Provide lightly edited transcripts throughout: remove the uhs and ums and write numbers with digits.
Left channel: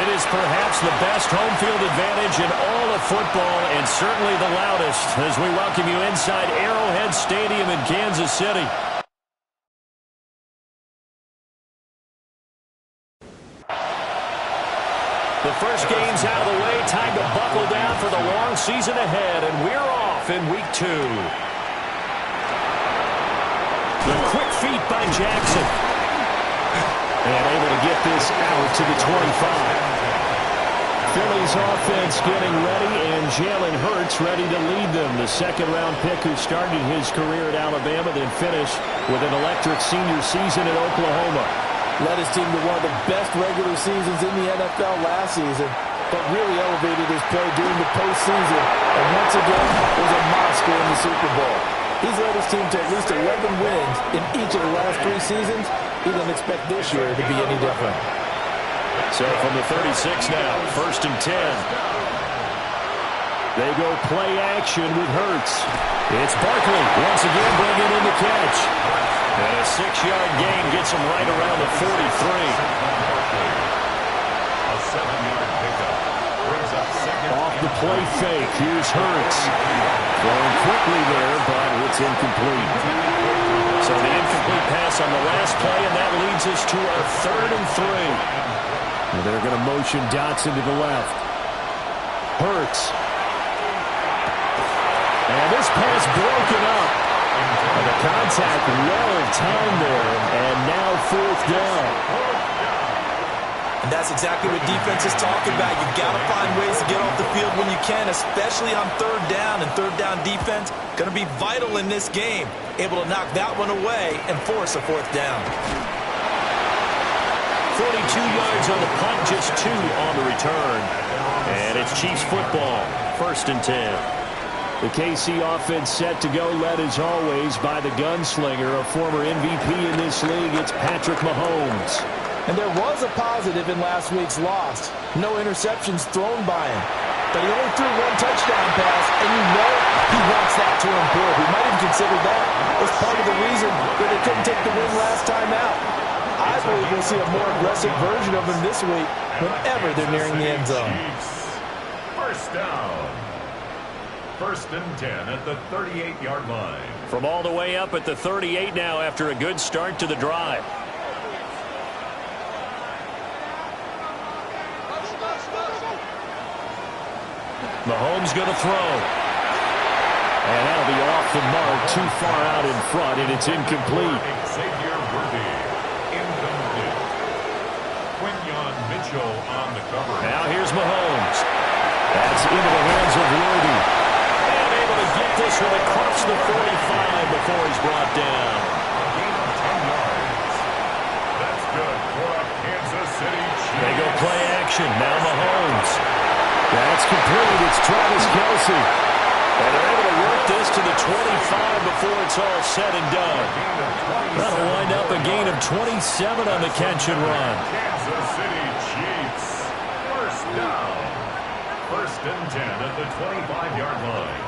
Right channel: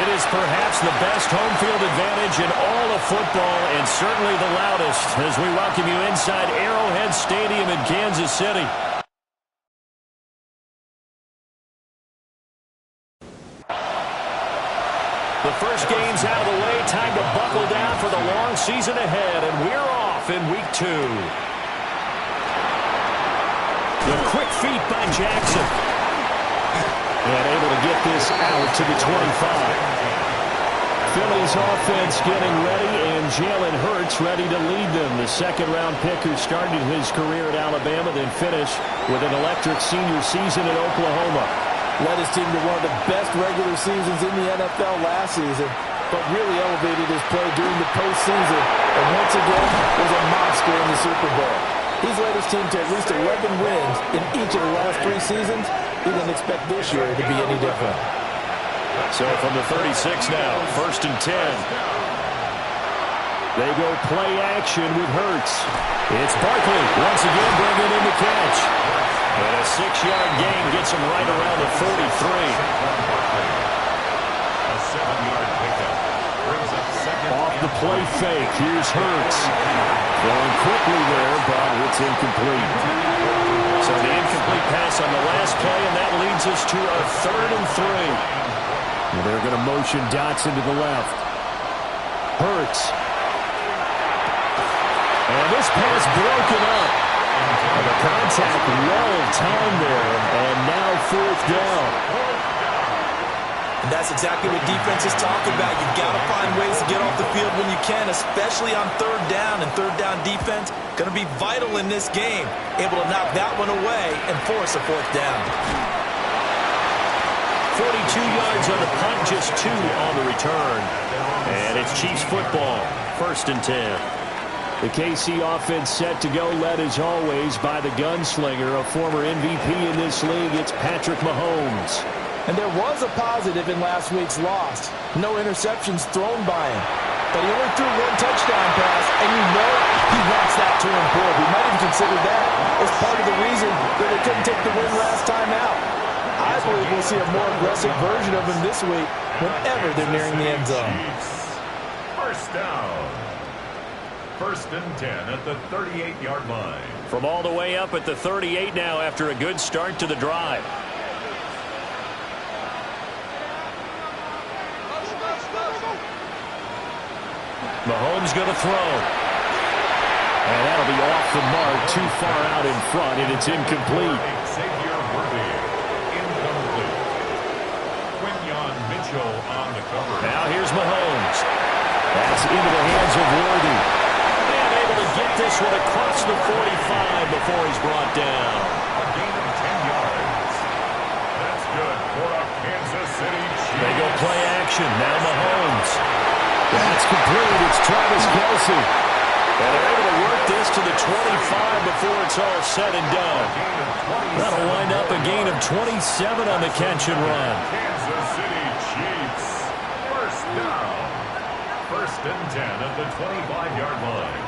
It is perhaps the best home field advantage in all of football, and certainly the loudest, as we welcome you inside Arrowhead Stadium in Kansas City. The first game's out of the way. Time to buckle down for the long season ahead, and we're off in week 2. The quick feet by Jackson. And able to get this out to the 25. Philly's offense getting ready, and Jalen Hurts ready to lead them. The second-round pick who started his career at Alabama, then finished with an electric senior season at Oklahoma. Led his team to one of the best regular seasons in the NFL last season, but really elevated his play during the postseason, and once again was a monster in the Super Bowl. He's led his team to at least 11 wins in each of the last 3 seasons. He doesn't expect this year to be any different. So from the 36 now, 1st and 10. They go play action with Hurts. It's Barkley once again bringing in the catch. And a 6-yard gain gets him right around the 43. A 7-yard pickup brings up second. Off the play fake, here's Hurts. Going quickly there, but it's incomplete. So the incomplete pass on the last play, and that leads us to a 3rd and 3. Well, they're going to motion Dotson to the left. Hurts. And this pass broken up. And the contact well-timed there, and now 4th down. And that's exactly what defense is talking about. You've got to find ways to get off the field when you can, especially on 3rd down. And 3rd down defense going to be vital in this game. Able to knock that one away and force a 4th down. 42 yards on the punt, just 2 on the return. And it's Chiefs football, 1st and 10. The KC offense set to go, led as always by the gunslinger, a former MVP in this league. It's Patrick Mahomes. And there was a positive in last week's loss. No interceptions thrown by him. But he only threw 1 touchdown pass, and you know he wants that to improve. He might even consider that as part of the reason that they couldn't take the win last time out. I believe we'll see a more aggressive version of him this week whenever they're nearing the end zone. First down. 1st and 10 at the 38-yard line. From all the way up at the 38 now after a good start to the drive. Mahomes going to throw. And that'll be off the mark, too far out in front, and it's incomplete. Xavier Worthy, incomplete. Quinyon Mitchell on the cover. Now here's Mahomes. That's into the hands of Worthy. And able to get this one across the 45 before he's brought down. A gain of 10 yards. That's good for a Kansas City Chiefs. They go play action. Now Mahomes. That's complete. It's Travis Kelce. And they're able to work this to the 25 before it's all said and done. That'll wind up a gain of 27 on the catch and run. Kansas City Chiefs. First down. 1st and 10 at the 25-yard line.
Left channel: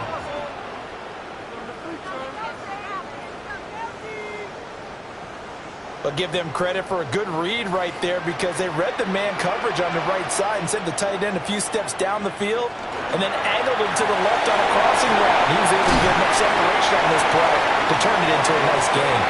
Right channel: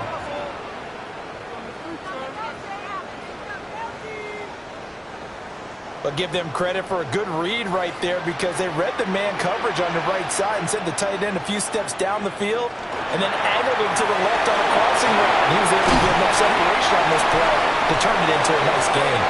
But give them credit for a good read right there, because they read the man coverage on the right side and sent the tight end a few steps down the field and then angled him to the left on a crossing route. He was able to get enough separation on this play to turn it into a nice gain.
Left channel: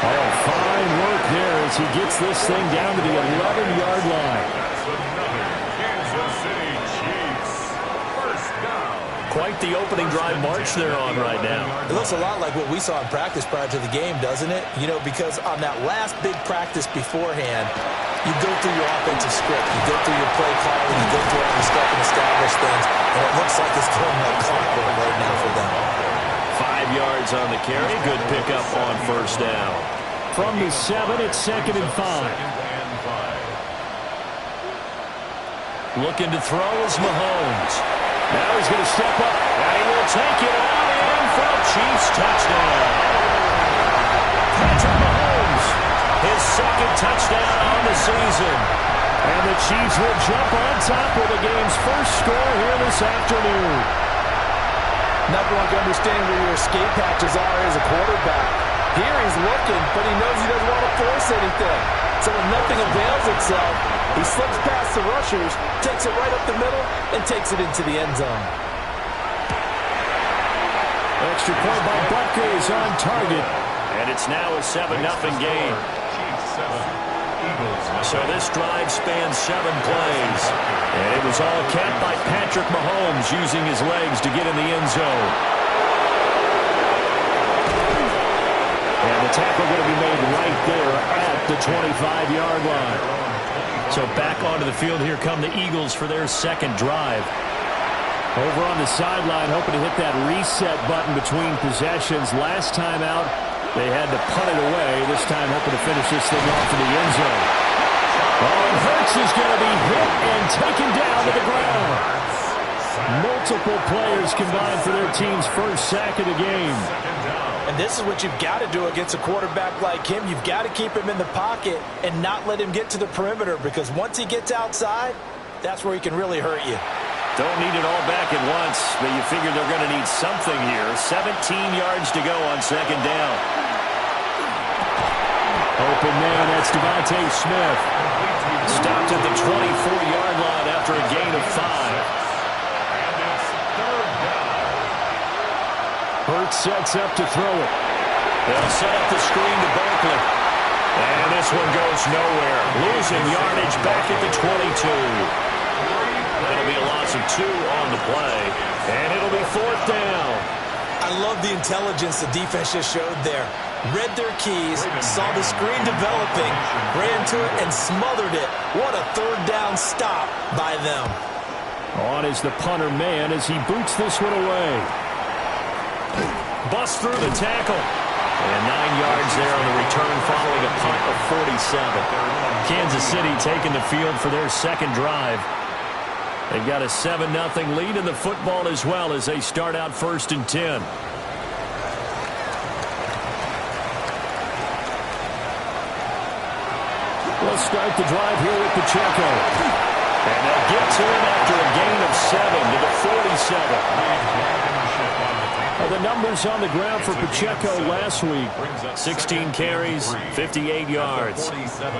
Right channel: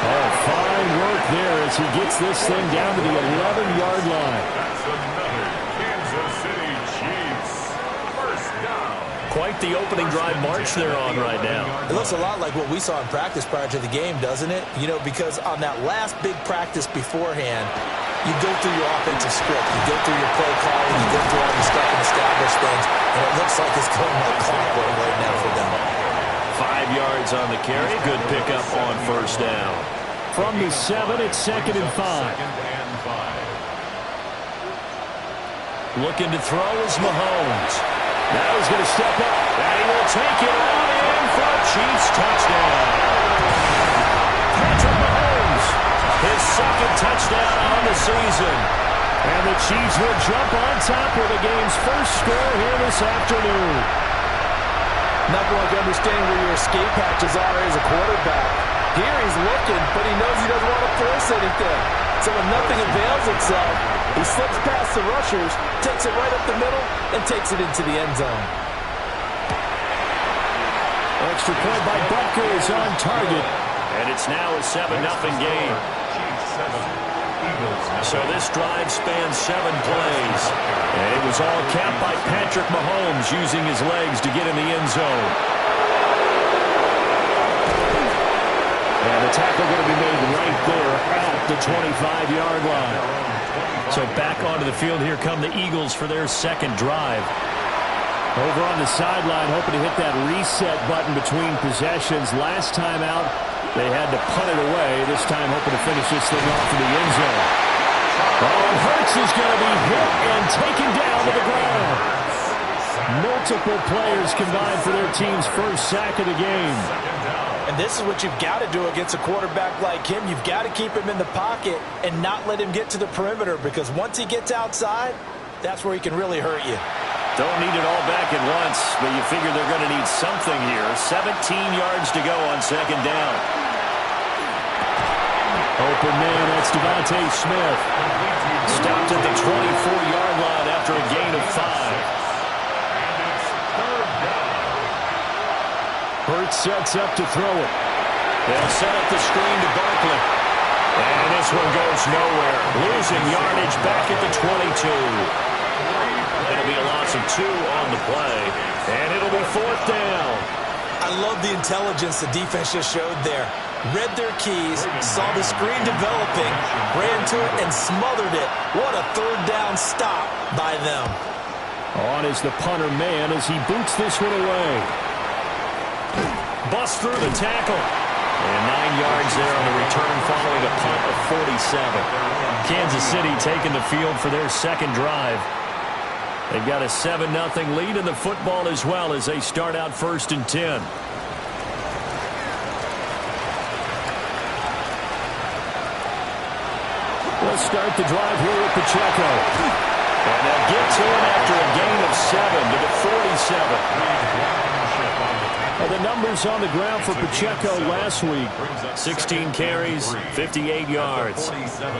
Oh, fine work there as he gets this thing down to the 11-yard line. That's another Kansas City Chiefs. First down. Quite the opening drive march they're on right now. It looks a lot like what we saw in practice prior to the game, doesn't it? You know, because on that last big practice beforehand, you go through your offensive script, you go through your play calling, you go through all the stuff and establish things, and it looks like it's going like clockwork right now for them. 5 yards on the carry. Good pickup on 1st down. From the 7, it's 2nd and 5. Looking to throw is Mahomes. Now he's going to step up, and he will take it all in for a Chiefs touchdown. Patrick Mahomes, his 2nd touchdown on the season. And the Chiefs will jump on top with the game's first score here this afternoon. Nothing like understanding where your escape hatches are as a quarterback. Here he's looking, but he knows he doesn't want to force anything. So when nothing avails itself, He slips past the rushers, takes it right up the middle, and takes it into the end zone. Extra point by Butker is on target. And it's now a 7-0 game. Chiefs 7, Eagles 0. So this drive spans 7 plays. And it was all capped by Patrick Mahomes using his legs to get in the end zone. And the tackle going to be made right there at the 25-yard line. So back onto the field here come the Eagles for their second drive. Over on the sideline, hoping to hit that reset button between possessions. Last time out, they had to punt it away. This time, hoping to finish this thing off in the end zone. Oh, and Hurts is going to be hit and taken down to the ground. Multiple players combined for their team's first sack of the game. And this is what you've got to do against a quarterback like him. You've got to keep him in the pocket and not let him get to the perimeter, because once he gets outside, that's where he can really hurt you. Don't need it all back at once, but you figure they're going to need something here. 17 yards to go on second down. Open man, that's Devontae Smith. Stopped at the 24-yard line after a gain of 5. And it's third down. Hurts sets up to throw it. They'll set up the screen to Barkley. And this one goes nowhere. Losing yardage back at the 22. It'll be a loss of 2 on the play, and it'll be fourth down. I love the intelligence the defense just showed there. Read their keys, saw the screen developing, ran to it, and smothered it. What a third down stop by them. On is the punter man as he boots this one away. Bust through the tackle. And 9 yards there on the return following a punt of 47. Kansas City taking the field for their second drive. They've got a 7-0 lead in the football as well as they start out first and 10. They'll start the drive here with Pacheco. And they'll get to him after a gain of 7 to the 47. The numbers on the ground for Pacheco last week. 16 carries, 58 yards.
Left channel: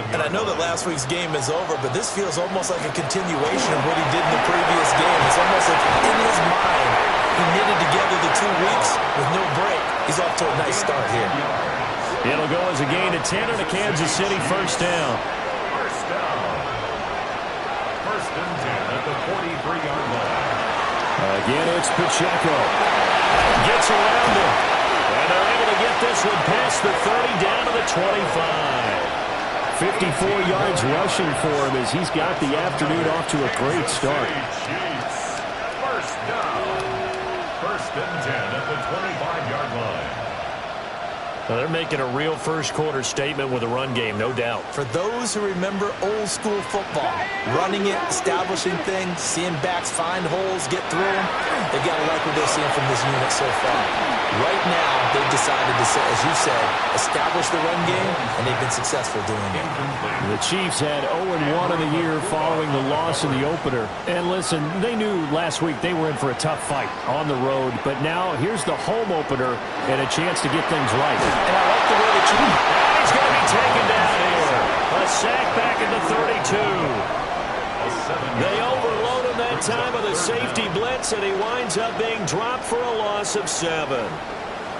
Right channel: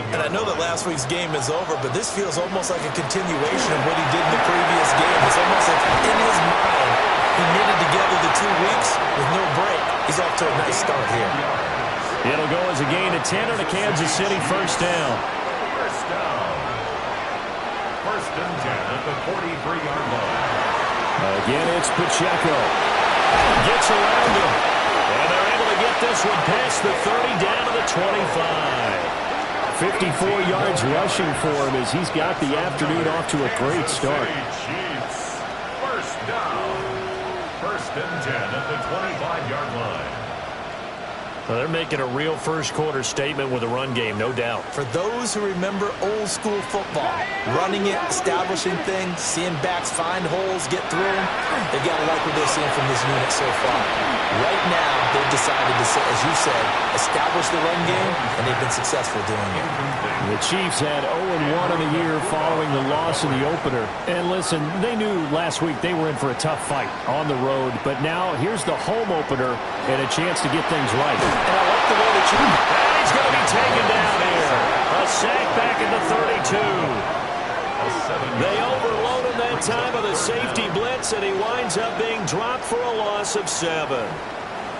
And I know that last week's game is over, but this feels almost like a continuation of what he did in the previous game. It's almost like in his mind, he knitted together the 2 weeks with no break. He's off to a nice start here. It'll go as a gain of 10 on a Kansas City first down. First down. First and 10 at the 43-yard line. Again, it's Pacheco. Gets around him. And they're able to get this one past the 30 down to the 25. 54 yards rushing for him as he's got the afternoon off to a great start. Chiefs. First down. First and 10 at the 25-yard line. Well, they're making a real first-quarter statement with a run game, no doubt. For those who remember old-school football, running it, establishing things, seeing backs find holes, get through them, they've got to like what they're seeing from this unit so far. Right now, they've decided to, as you said, establish the run game, and they've been successful doing it. The Chiefs had 0-1 in the year following the loss in the opener. And listen, they knew last week they were in for a tough fight on the road, but now here's the home opener and a chance to get things right. And I like the way that you... And he's going to be taken down here. A sack back at the 32. They overload him that time with a safety blitz, and he winds up being dropped for a loss of 7.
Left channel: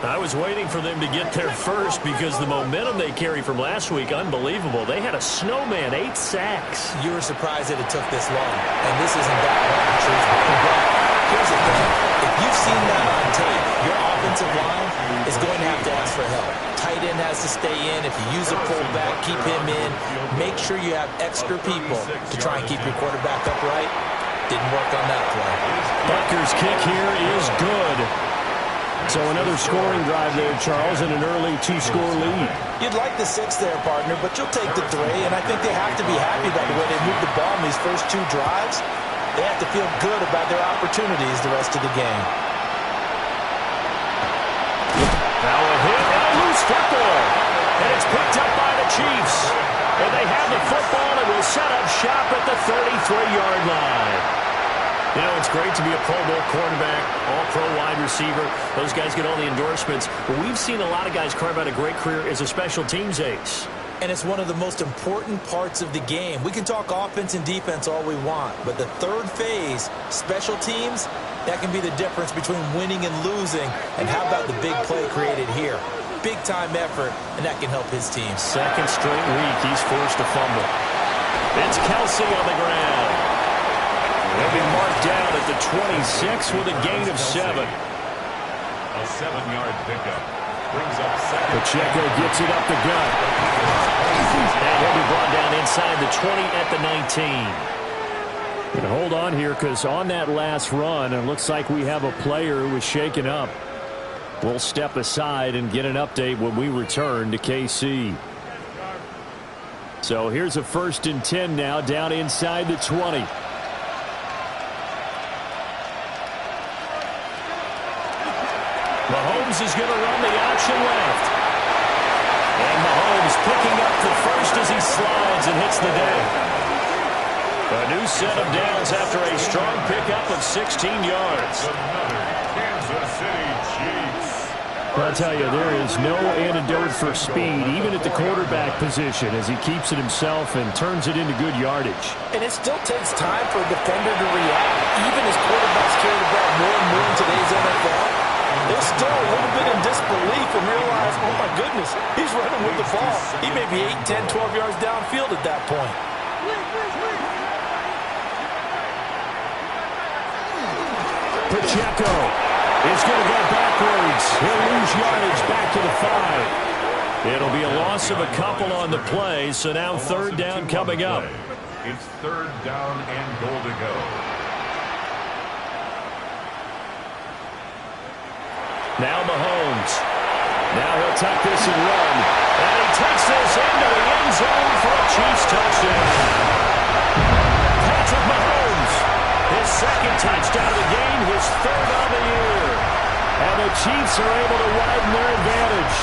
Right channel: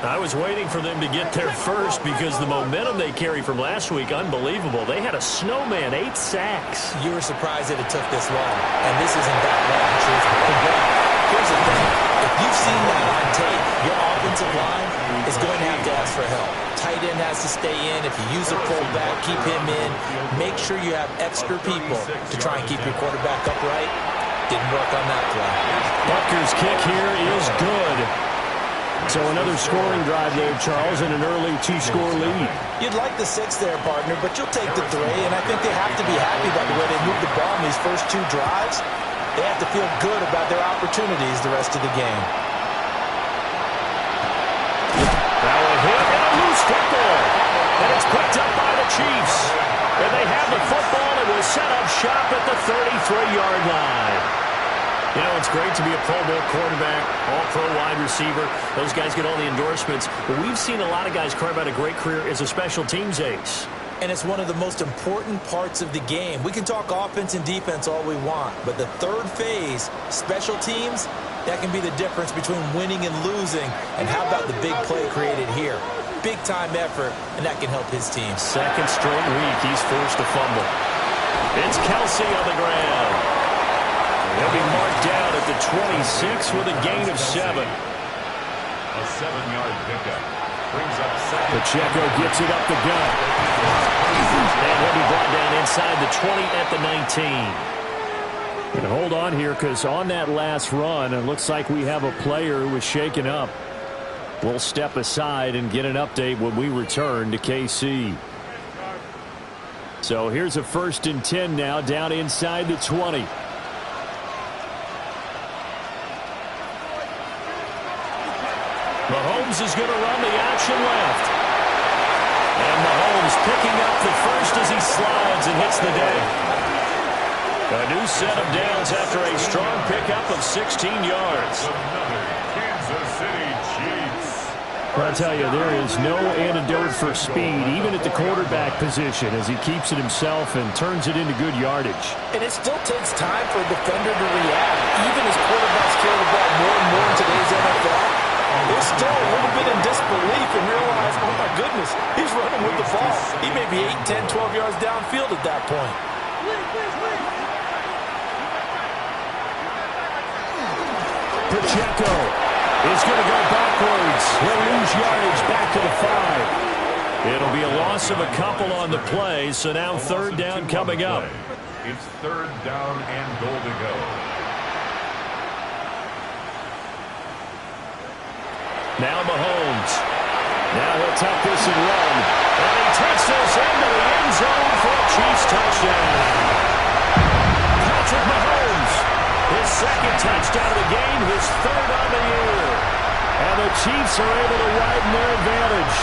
I was waiting for them to get there first because the momentum they carry from last week, unbelievable. They had a snowman, 8 sacks. You were surprised that it took this long, and this isn't that long, truthfully. But here's the thing. If you've seen that on tape, your offensive line is going to have to ask for help. Tight end has to stay in. If you use a fullback, keep him in. Make sure you have extra people to try and keep your quarterback upright. Didn't work on that play. Butker's kick here is good. So another scoring drive there, Charles, and an early 2-score lead. You'd like the 6 there, partner, but you'll take the 3, and I think they have to be happy by the way they moved the ball in these first 2 drives. They have to feel good about their opportunities the rest of the game. Now a hit and a loose football. And it's picked up by the Chiefs. And they have the football and will set up shop at the 33-yard line. You know, it's great to be a Pro Bowl quarterback, all-pro wide receiver. Those guys get all the endorsements. But we've seen a lot of guys carve out a great career as a special teams ace. And it's one of the most important parts of the game. We can talk offense and defense all we want, but the third phase, special teams, that can be the difference between winning and losing. And how about the big play created here? Big-time effort, and that can help his team. Second straight week, he's forced to fumble. It's Kelsey on the ground. He'll be marked down at the 26 with a gain of 7. A 7-yard pickup. Brings up second. Pacheco gets it up the gut. And he'll be brought down inside the 20 at the 19. And hold on here, because on that last run, it looks like we have a player who was shaken up. We'll step aside and get an update when we return to KC. So here's a 1st and 10 now, down inside the 20. Mahomes is going to run the option left. And Mahomes picking up the first as he slides and hits the deck. A new set of downs after a strong pickup of 16 yards. Another Kansas City Chiefs. I'll tell you, there is no antidote for speed, even at the quarterback position, as he keeps it himself and turns it into good yardage. And it still takes time for a defender to react. Even as quarterbacks carry the ball more and more in today's NFL, they're still a little bit in disbelief and realize, oh my goodness, he's running with the ball. He may be 8, 10, 12 yards downfield at that point. Pacheco is going to go backwards. He'll lose yardage back to the 5. It'll be a loss of a couple on the play, so now 3rd down coming up. It's 3rd down and goal to go. Now Mahomes. Now he'll tuck this and run. And he takes this into the end zone for a Chiefs touchdown. Patrick Mahomes, his 2nd touchdown of the game, his 3rd on the year. And the Chiefs are able to widen their advantage.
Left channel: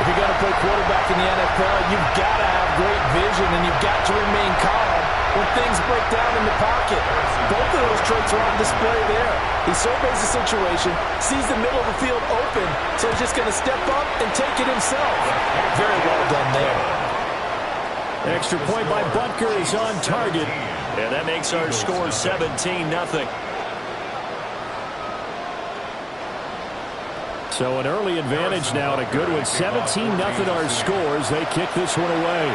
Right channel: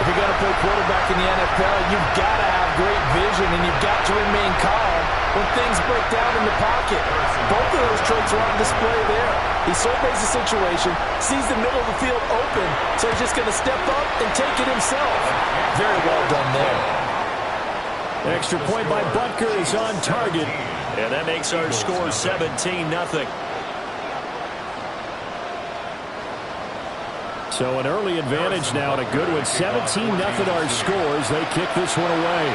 If you're going to play quarterback in the NFL, you've got to have great vision, and you've got to remain calm when things break down in the pocket. Both of those traits are on display there. He surveys the situation, sees the middle of the field open, so he's just going to step up and take it himself. Very well done there. Extra point by Butker is on target, and that makes our score 17-0. So an early advantage now and a good one. 17-0 our scores. They kick this one away.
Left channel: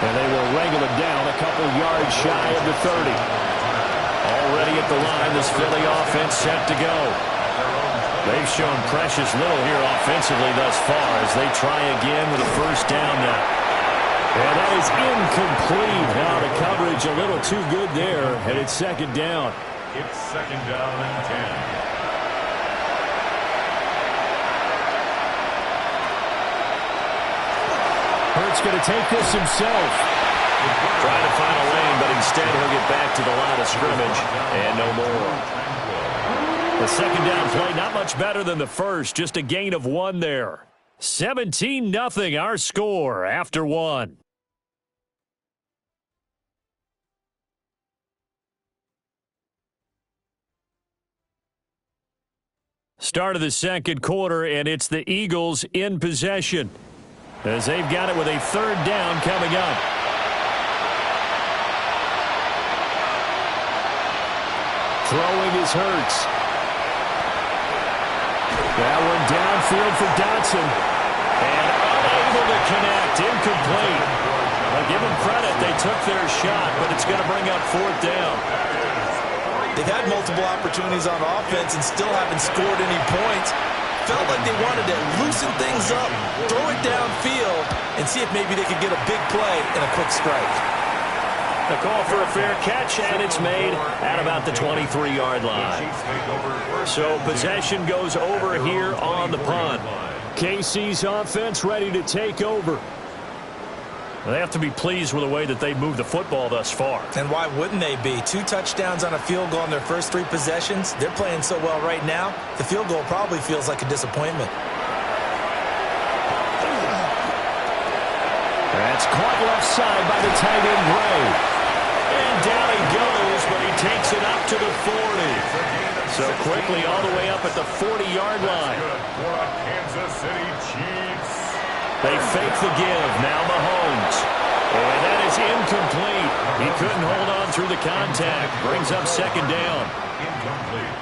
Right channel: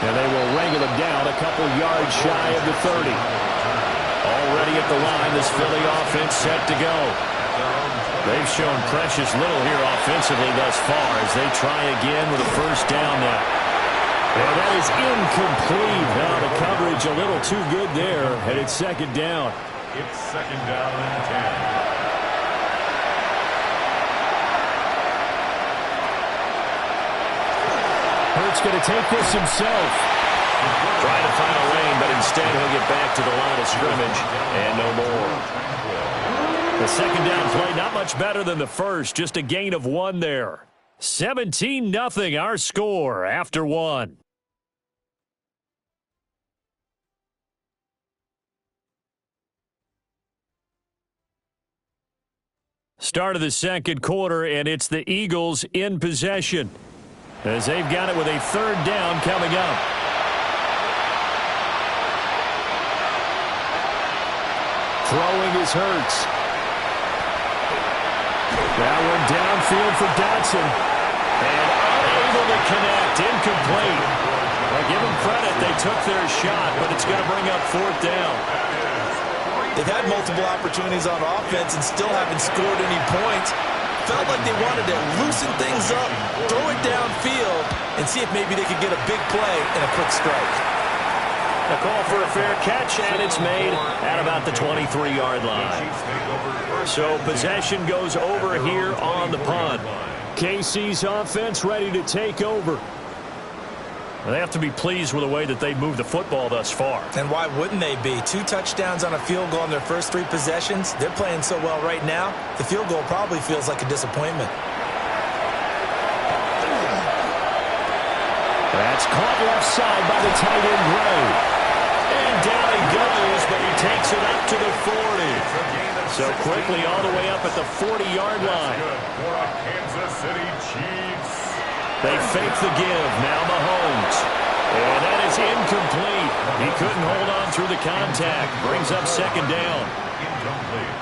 And they will wrangle it down a couple yards shy of the 30. Already at the line, this Philly offense set to go. They've shown precious little here offensively thus far as they try again with a 1st down now. And that is incomplete. Now the coverage a little too good there, and it's 2nd down. It's 2nd down and 10. Hurts going to take this himself. Trying to find a lane, but instead he'll get back to the line of scrimmage and no more. The 2nd down play, not much better than the first, just a gain of 1 there. 17-0 our score after 1. Start of the 2nd quarter, and it's the Eagles in possession as they've got it with a 3rd down coming up. Throwing is Hurts. That one downfield for Dotson. And unable to connect. Incomplete. Well, give them credit. They took their shot, but it's going to bring up 4th down. They've had multiple opportunities on offense and still haven't scored any points. Felt like they wanted to loosen things up, throw it downfield, and see if maybe they could get a big play and a quick strike. A call for a fair catch, and it's made at about the 23-yard line. So possession goes over here on the punt. KC's offense ready to take over. They have to be pleased with the way that they moved the football thus far. And why wouldn't they be? 2 touchdowns on a field goal in their first 3 possessions. They're playing so well right now, the field goal probably feels like a disappointment. That's caught left side by the tight end, Gray. And down he goes, but he takes it up to the 40. So quickly all the way up at the 40-yard line. Good for a Kansas City Chiefs. They fake the give. Now Mahomes. And that is incomplete. He couldn't hold on through the contact. Brings up second down. Incomplete.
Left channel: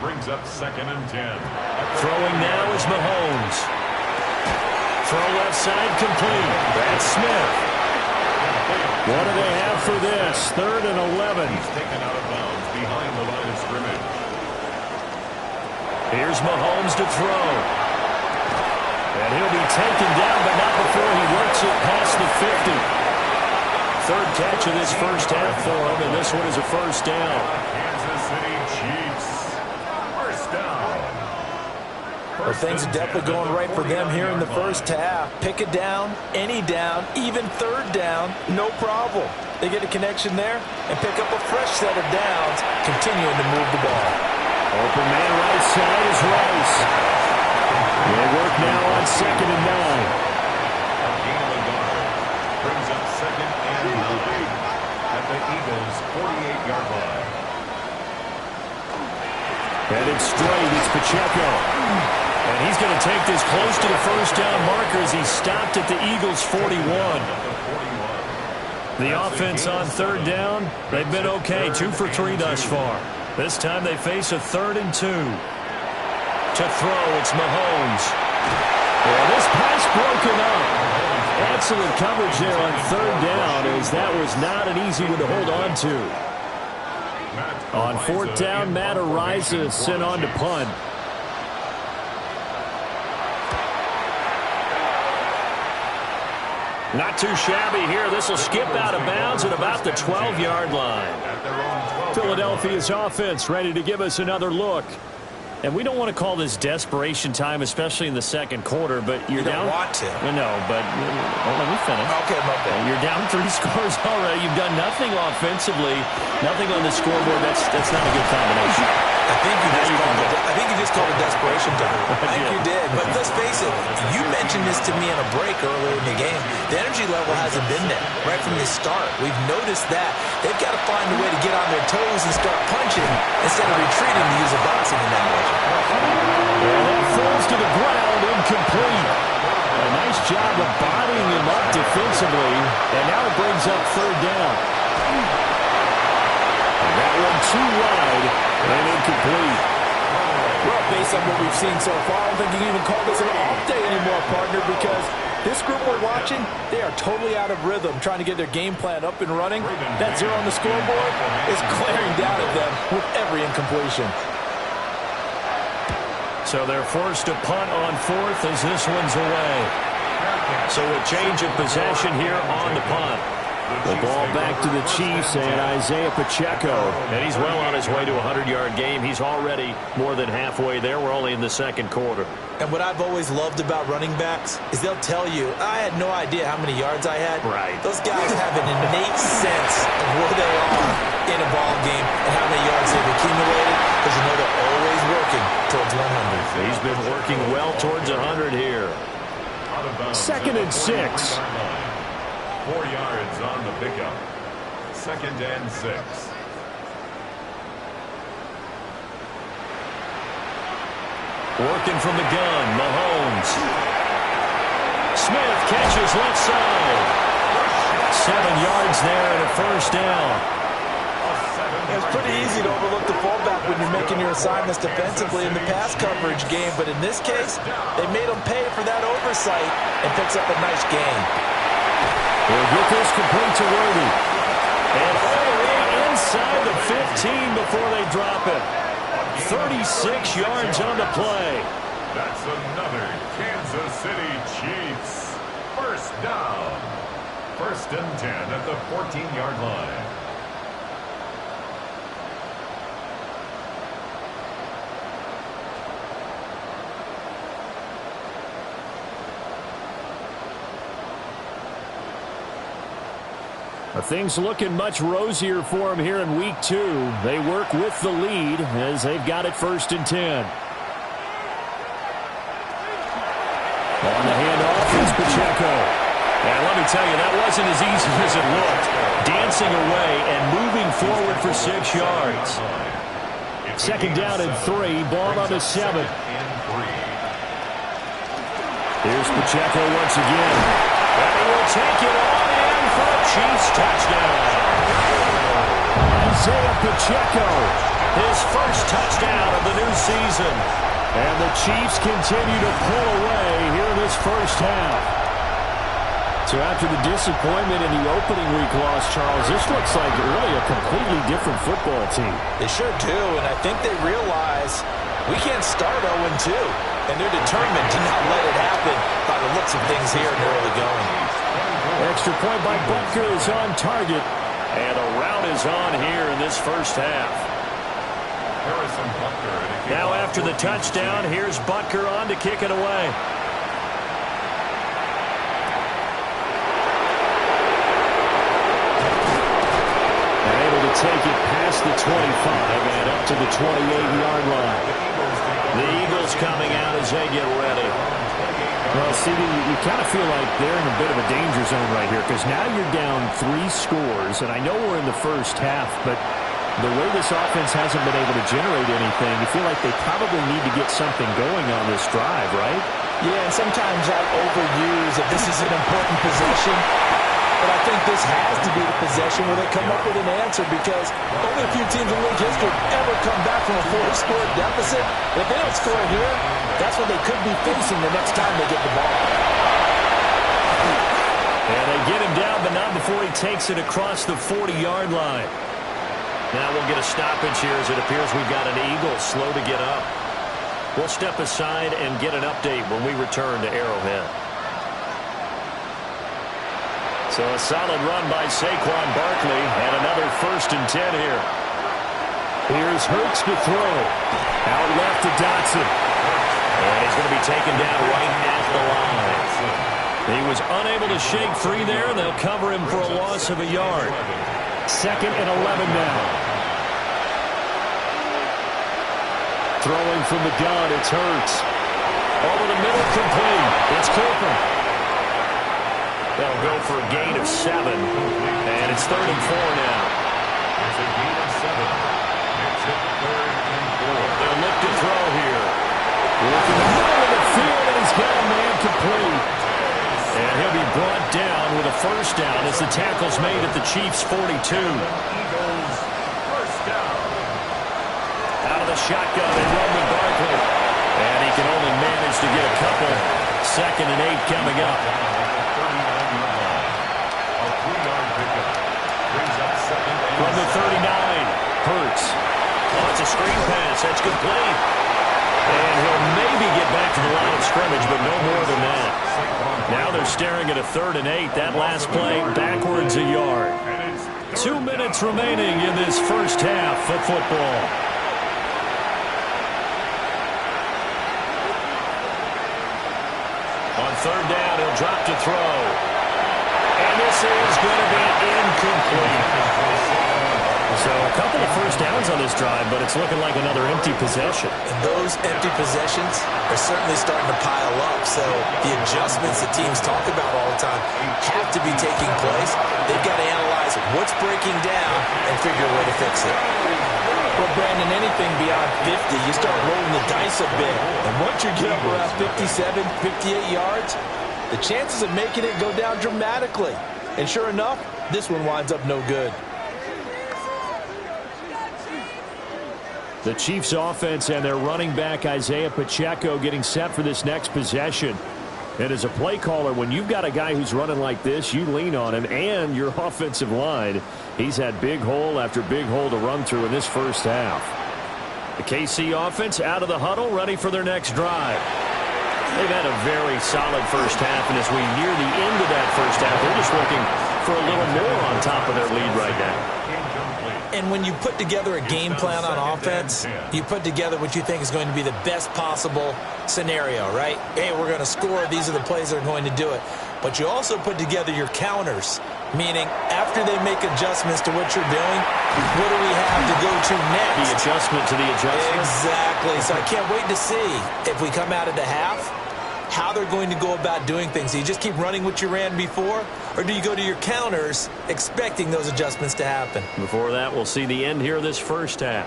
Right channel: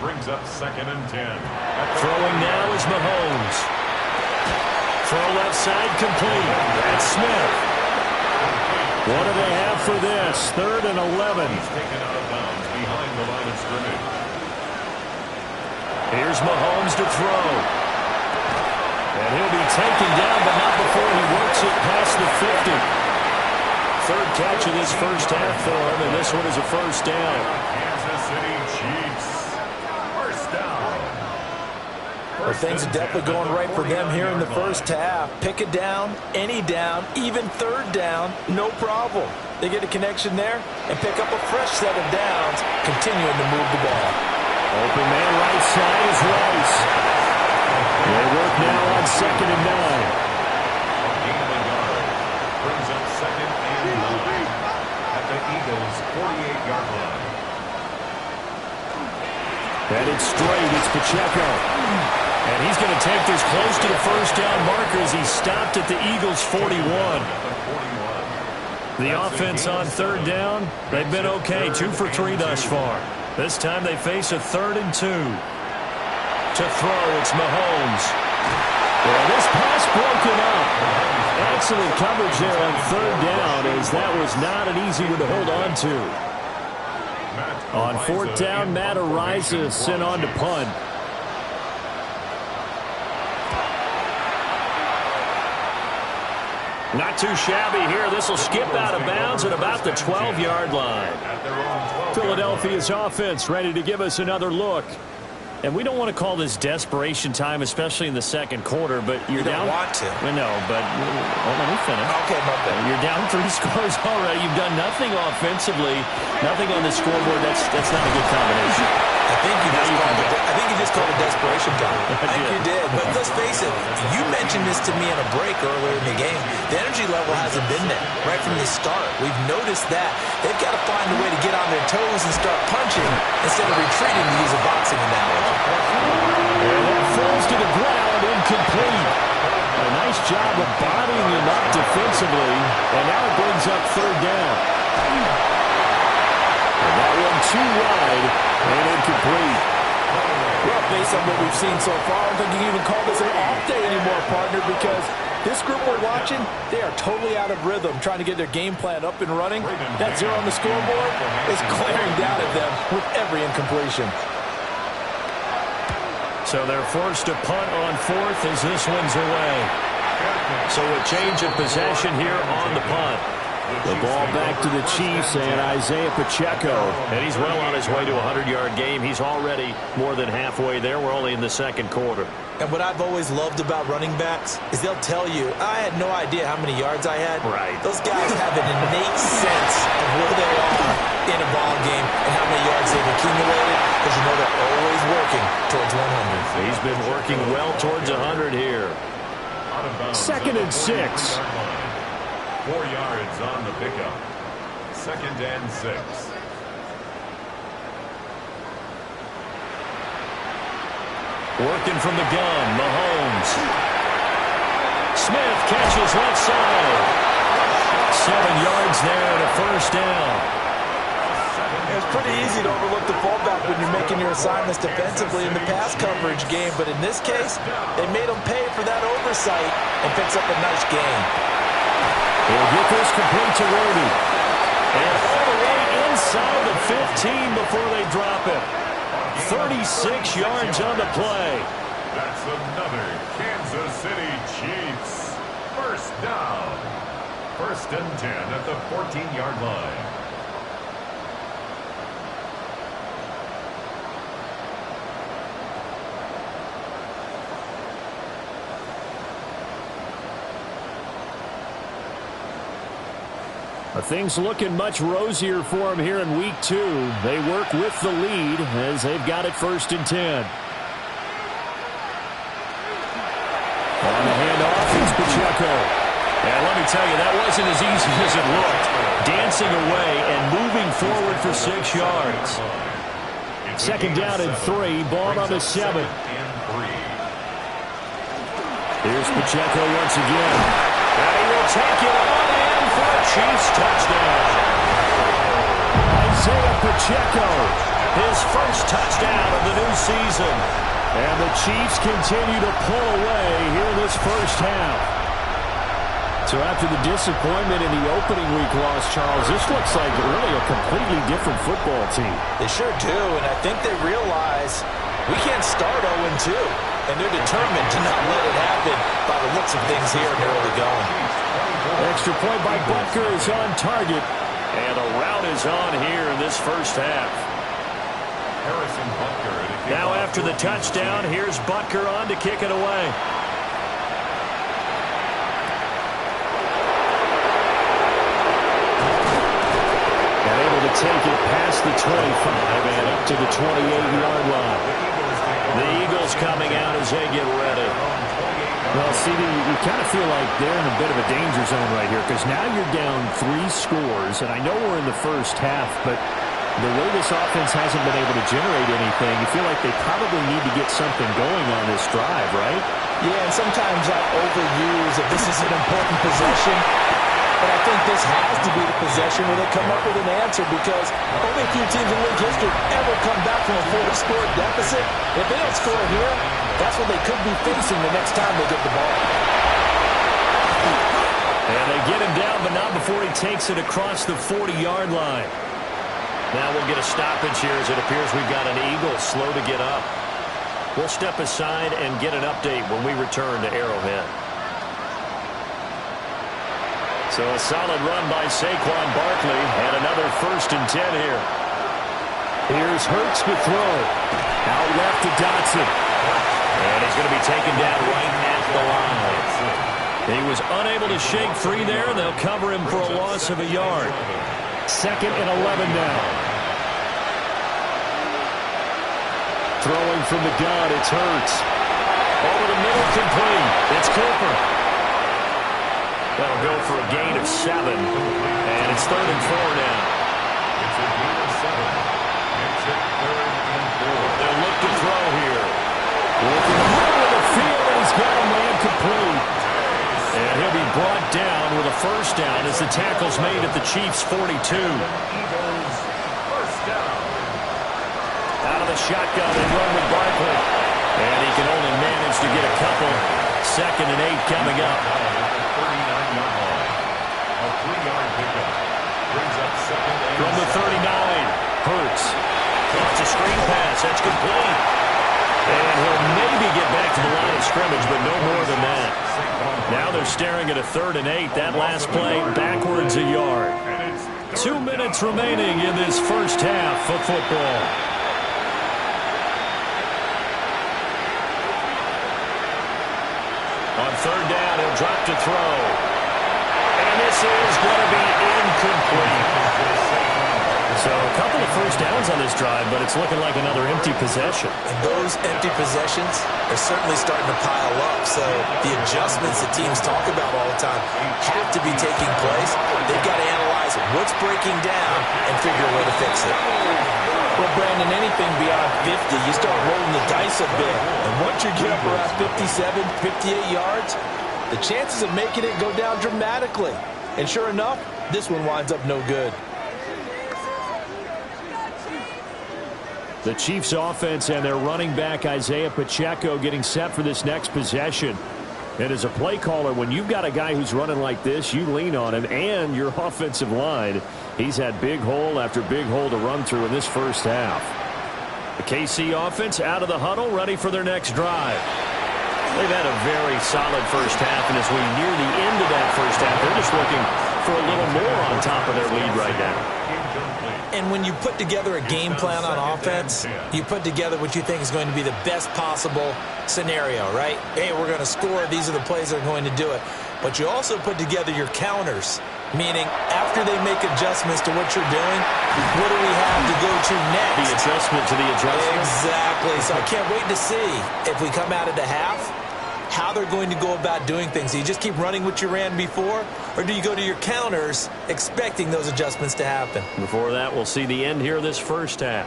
Brings up 2nd and 10. Throwing now is Mahomes. Throw left side complete. That's Smith. What do they have for this? 3rd and 11. He's taken out of bounds behind the line of scrimmage. Here's Mahomes to throw. And he'll be taken down, but not before he works it past the 50. 3rd catch of this first half for him, and this one is a first down. Kansas City Chiefs. First down. Well, things are definitely going right for them here in the first half. Pick a down, any down, even 3rd down, no problem. They get a connection there and pick up a fresh set of downs, continuing to move the ball. Open man right side is Rice. They work now on 2nd and 9. A gain of a yard. Brings up 2nd and 9 at the Eagles' 48-yard line. Headed straight, it's Pacheco. And he's going to take this close to the first down marker as he stopped at the Eagles' 41. The offense on 3rd down, they've been okay, 2 for 3 thus far. This time they face a 3rd and 2. To throw, it's Mahomes. Yeah, this pass broken up. Excellent coverage there on 3rd down, as that was not an easy one to hold on to. On 4th down, Matt Araiza sent on to punt. Not too shabby here. This will skip out of bounds at about the 12-yard line. Philadelphia's offense ready to give us another look. And we don't want to call this desperation time, especially in the second quarter, but you're down. You don't want to. No, but let me finish. Okay, my bad. You're down 3 scores already. You've done nothing offensively, nothing on the scoreboard. That's not a good combination. I think you just called it desperation time. I think you did. But let's face it, you mentioned this to me in a break earlier in the game. The energy level hasn't been there right from the start. We've noticed that. They've got to find a way to get on their toes and start punching instead of retreating, to use a boxing analogy. And that falls to the ground, incomplete. A nice job of bodying him up defensively. And now it brings up 3rd down. And that one too wide and incomplete. Well, based on what we've seen so far, I don't think you can even call this an off day anymore, partner, because this group we're watching, they are totally out of rhythm, trying to get their game plan up and running. That 0 on the scoreboard is glaring down at them with every incompletion. So they're forced to punt on 4th as this one's away. So a change of possession here on the punt. The ball back to the Chiefs and Isaiah Pacheco. And he's well on his way to a 100-yard game. He's already more than halfway there. We're only in the second quarter. And what I've always loved about running backs is they'll tell you, I had no idea how many yards I had. Right. Those guys have an innate sense of where they are in a ball game and how many yards they've accumulated, because you know they're always working towards 100. He's been working well towards 100 here. 2nd and 6. 4 yards on the pickup. 2nd and 6. Working from the gun, Mahomes. Smith catches left side. 7 yards there and a first down. It's pretty easy to overlook the fullback when you're making your assignments defensively in the pass coverage game, but in this case, they made him pay for that oversight and picks up a nice gain. He'll get this complete to Worthy. And all the way inside the 15 before they drop it. 36 yards on the play. That's another Kansas City Chiefs. First down. 1st and 10 at the 14-yard line. Things looking much rosier for them here in week 2. They work with the lead as they've got it 1st and 10. On the handoff is Pacheco. And let me tell you, that wasn't as easy as it looked. Dancing away and moving forward for 6 yards. Second down and 3, ball on the 7. Here's Pacheco once again. And he will take it on in for a Chiefs touchdown. Isaiah Pacheco, his first touchdown of the new season. And the Chiefs continue to pull away here in this first half. So after the disappointment in the opening week loss, Charles, this looks like really a completely different football team. They sure do, and I think they realize we can't start 0-2, and they're determined to not let it happen by the looks of things here in the early going. Extra point by Butker is on target, and the route is on here in this first half. Harrison Butker. Now after the touchdown, here's Butker on to kick it away. And able to take it past the 25 and up to the 28-yard line. The Eagles coming out as they get ready. Well, CD, you kind of feel like they're in a bit of a danger zone right here because now you're down 3 scores, and I know we're in the first half, but the way this offense hasn't been able to generate anything, you feel like they probably need to get something going on this drive, right? Yeah, and sometimes I overuse if this is an important possession. But I think this has to be the possession where they come up with an answer because only a few teams in league history ever come back from a 4-score deficit. If they don't score here, that's what they could be facing the next time they get the ball. And they get him down, but not before he takes it across the 40-yard line. Now we'll get a stoppage here as it appears we've got an Eagle slow to get up. We'll step aside and get an update when we return to Arrowhead. So a solid run by Saquon Barkley and another 1st and 10 here. Here's Hurts to throw. Out left to Dotson. And he's going to be taken down right at the line. He was unable to shake free there. They'll cover him for a loss of a yard. 2nd and 11 now. Throwing from the gun, it's Hurts. Over the middle, complete. It's Cooper. They'll go for a gain of 7. And it's 3rd and 4 now. It's a gain of 7. Makes it 3rd and 4. They'll look to throw here. Working the middle of the field, and he's got a man complete. And he'll be brought down with a 1st down as the tackle's made at the Chiefs' 42. Eagles, 1st down. Out of the shotgun, they run with Barkley. And he can only manage to get a couple. 2nd and 8 coming up. 39-yard line. A 3-yard pickup. Brings up 2nd and From the 39, Hurts. Oh, it's a screen pass. That's complete. And he'll maybe get back to the line of scrimmage, but no more than that. Now they're staring at a 3rd and 8. That last play, backwards a yard. 2 minutes remaining in this first half of football. On 3rd down, he'll drop to throw. And this is going to be incomplete. So a couple of 1st downs on this drive, but it's looking like another empty possession. And those empty possessions are certainly starting to pile up. So the adjustments that teams talk about all the time have to be taking place. They've got to analyze what's breaking down and figure a way to fix it. Well, Brandon, anything beyond 50, you start rolling the dice a bit. And once you get up around 57, 58 yards, the chances of making it go down dramatically. And sure enough, this one winds up no good. The Chiefs offense and their running back Isaiah Pacheco getting set for this next possession. And as a play caller, when you've got a guy who's running like this, you lean on him and your offensive line. He's had big hole after big hole to run through in this first half. The KC offense out of the huddle, ready for their next drive. They've had a very solid first half, and as we near the end of that first half, they're just looking for a little more on top of their lead right now. And when you put together a game plan on offense, you put together what you think is going to be the best possible scenario, right? Hey, we're going to score. These are the plays that are going to do it. But you also put together your counters, meaning after they make adjustments to what you're doing, what do we have to go to next? The adjustment to the adjustment. Exactly. So I can't wait to see if we come out of the half how they're going to go about doing things. Do you just keep running what you ran before, or do you go to your counters expecting those adjustments to happen? Before that, we'll see the end here of this first half.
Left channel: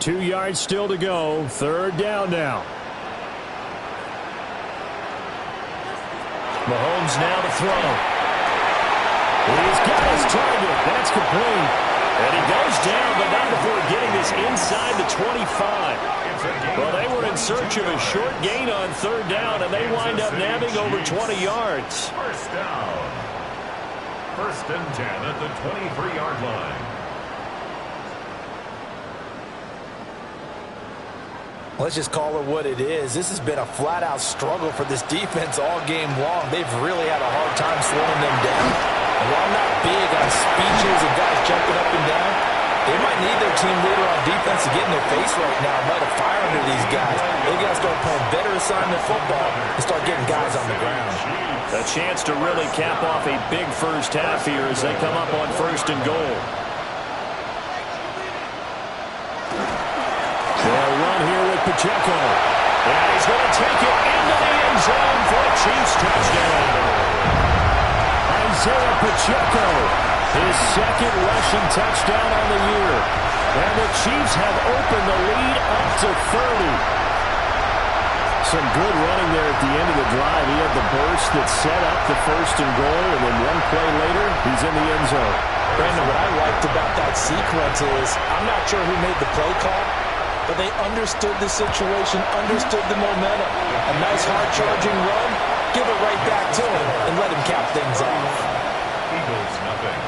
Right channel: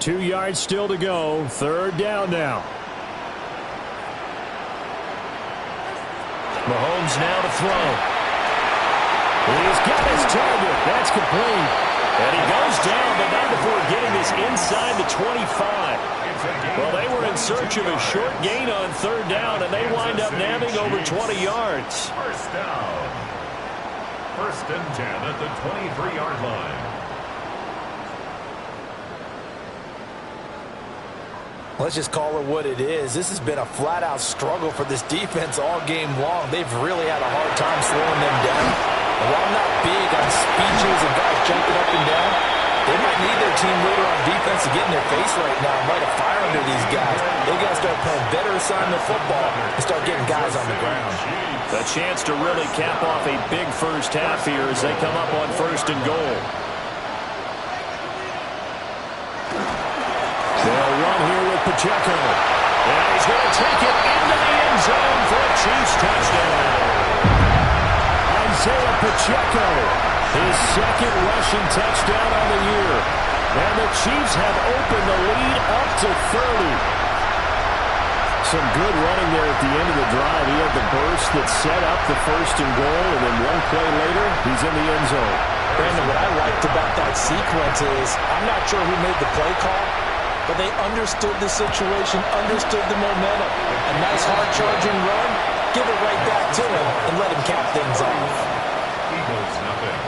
2 yards still to go. Third down now. Mahomes now to throw. He's got his target. That's complete. And he goes down, but not before getting this inside the 25. Well, they were in search of a short gain on third down, and they wind up nabbing over 20 yards. First down. First and 10 at the 23-yard line. Let's just call it what it is. This has been a flat-out struggle for this defense all game long. They've really had a hard time slowing them down. And while I'm not big on speeches and guys jumping up and down, they might need their team leader on defense to get in their face right now and light a fire under these guys. They got to start playing better assignment football and start getting guys on the ground. A chance to really cap off a big first half here as they come up on first and goal. They'll run here with Pacheco. And he's going to take it into the end zone for a Chiefs touchdown. Isaiah Pacheco, his second rushing touchdown on the year. And the Chiefs have opened the lead up to 30. Some good running there at the end of the drive. He had the burst that set up the first and goal, and then one play later, he's in the end zone. Brandon, what I liked about that sequence is I'm not sure who made the play call, but they understood the situation, understood the momentum. A nice hard-charging run, give it right back to him, and let him cap things off. Eagles nothing.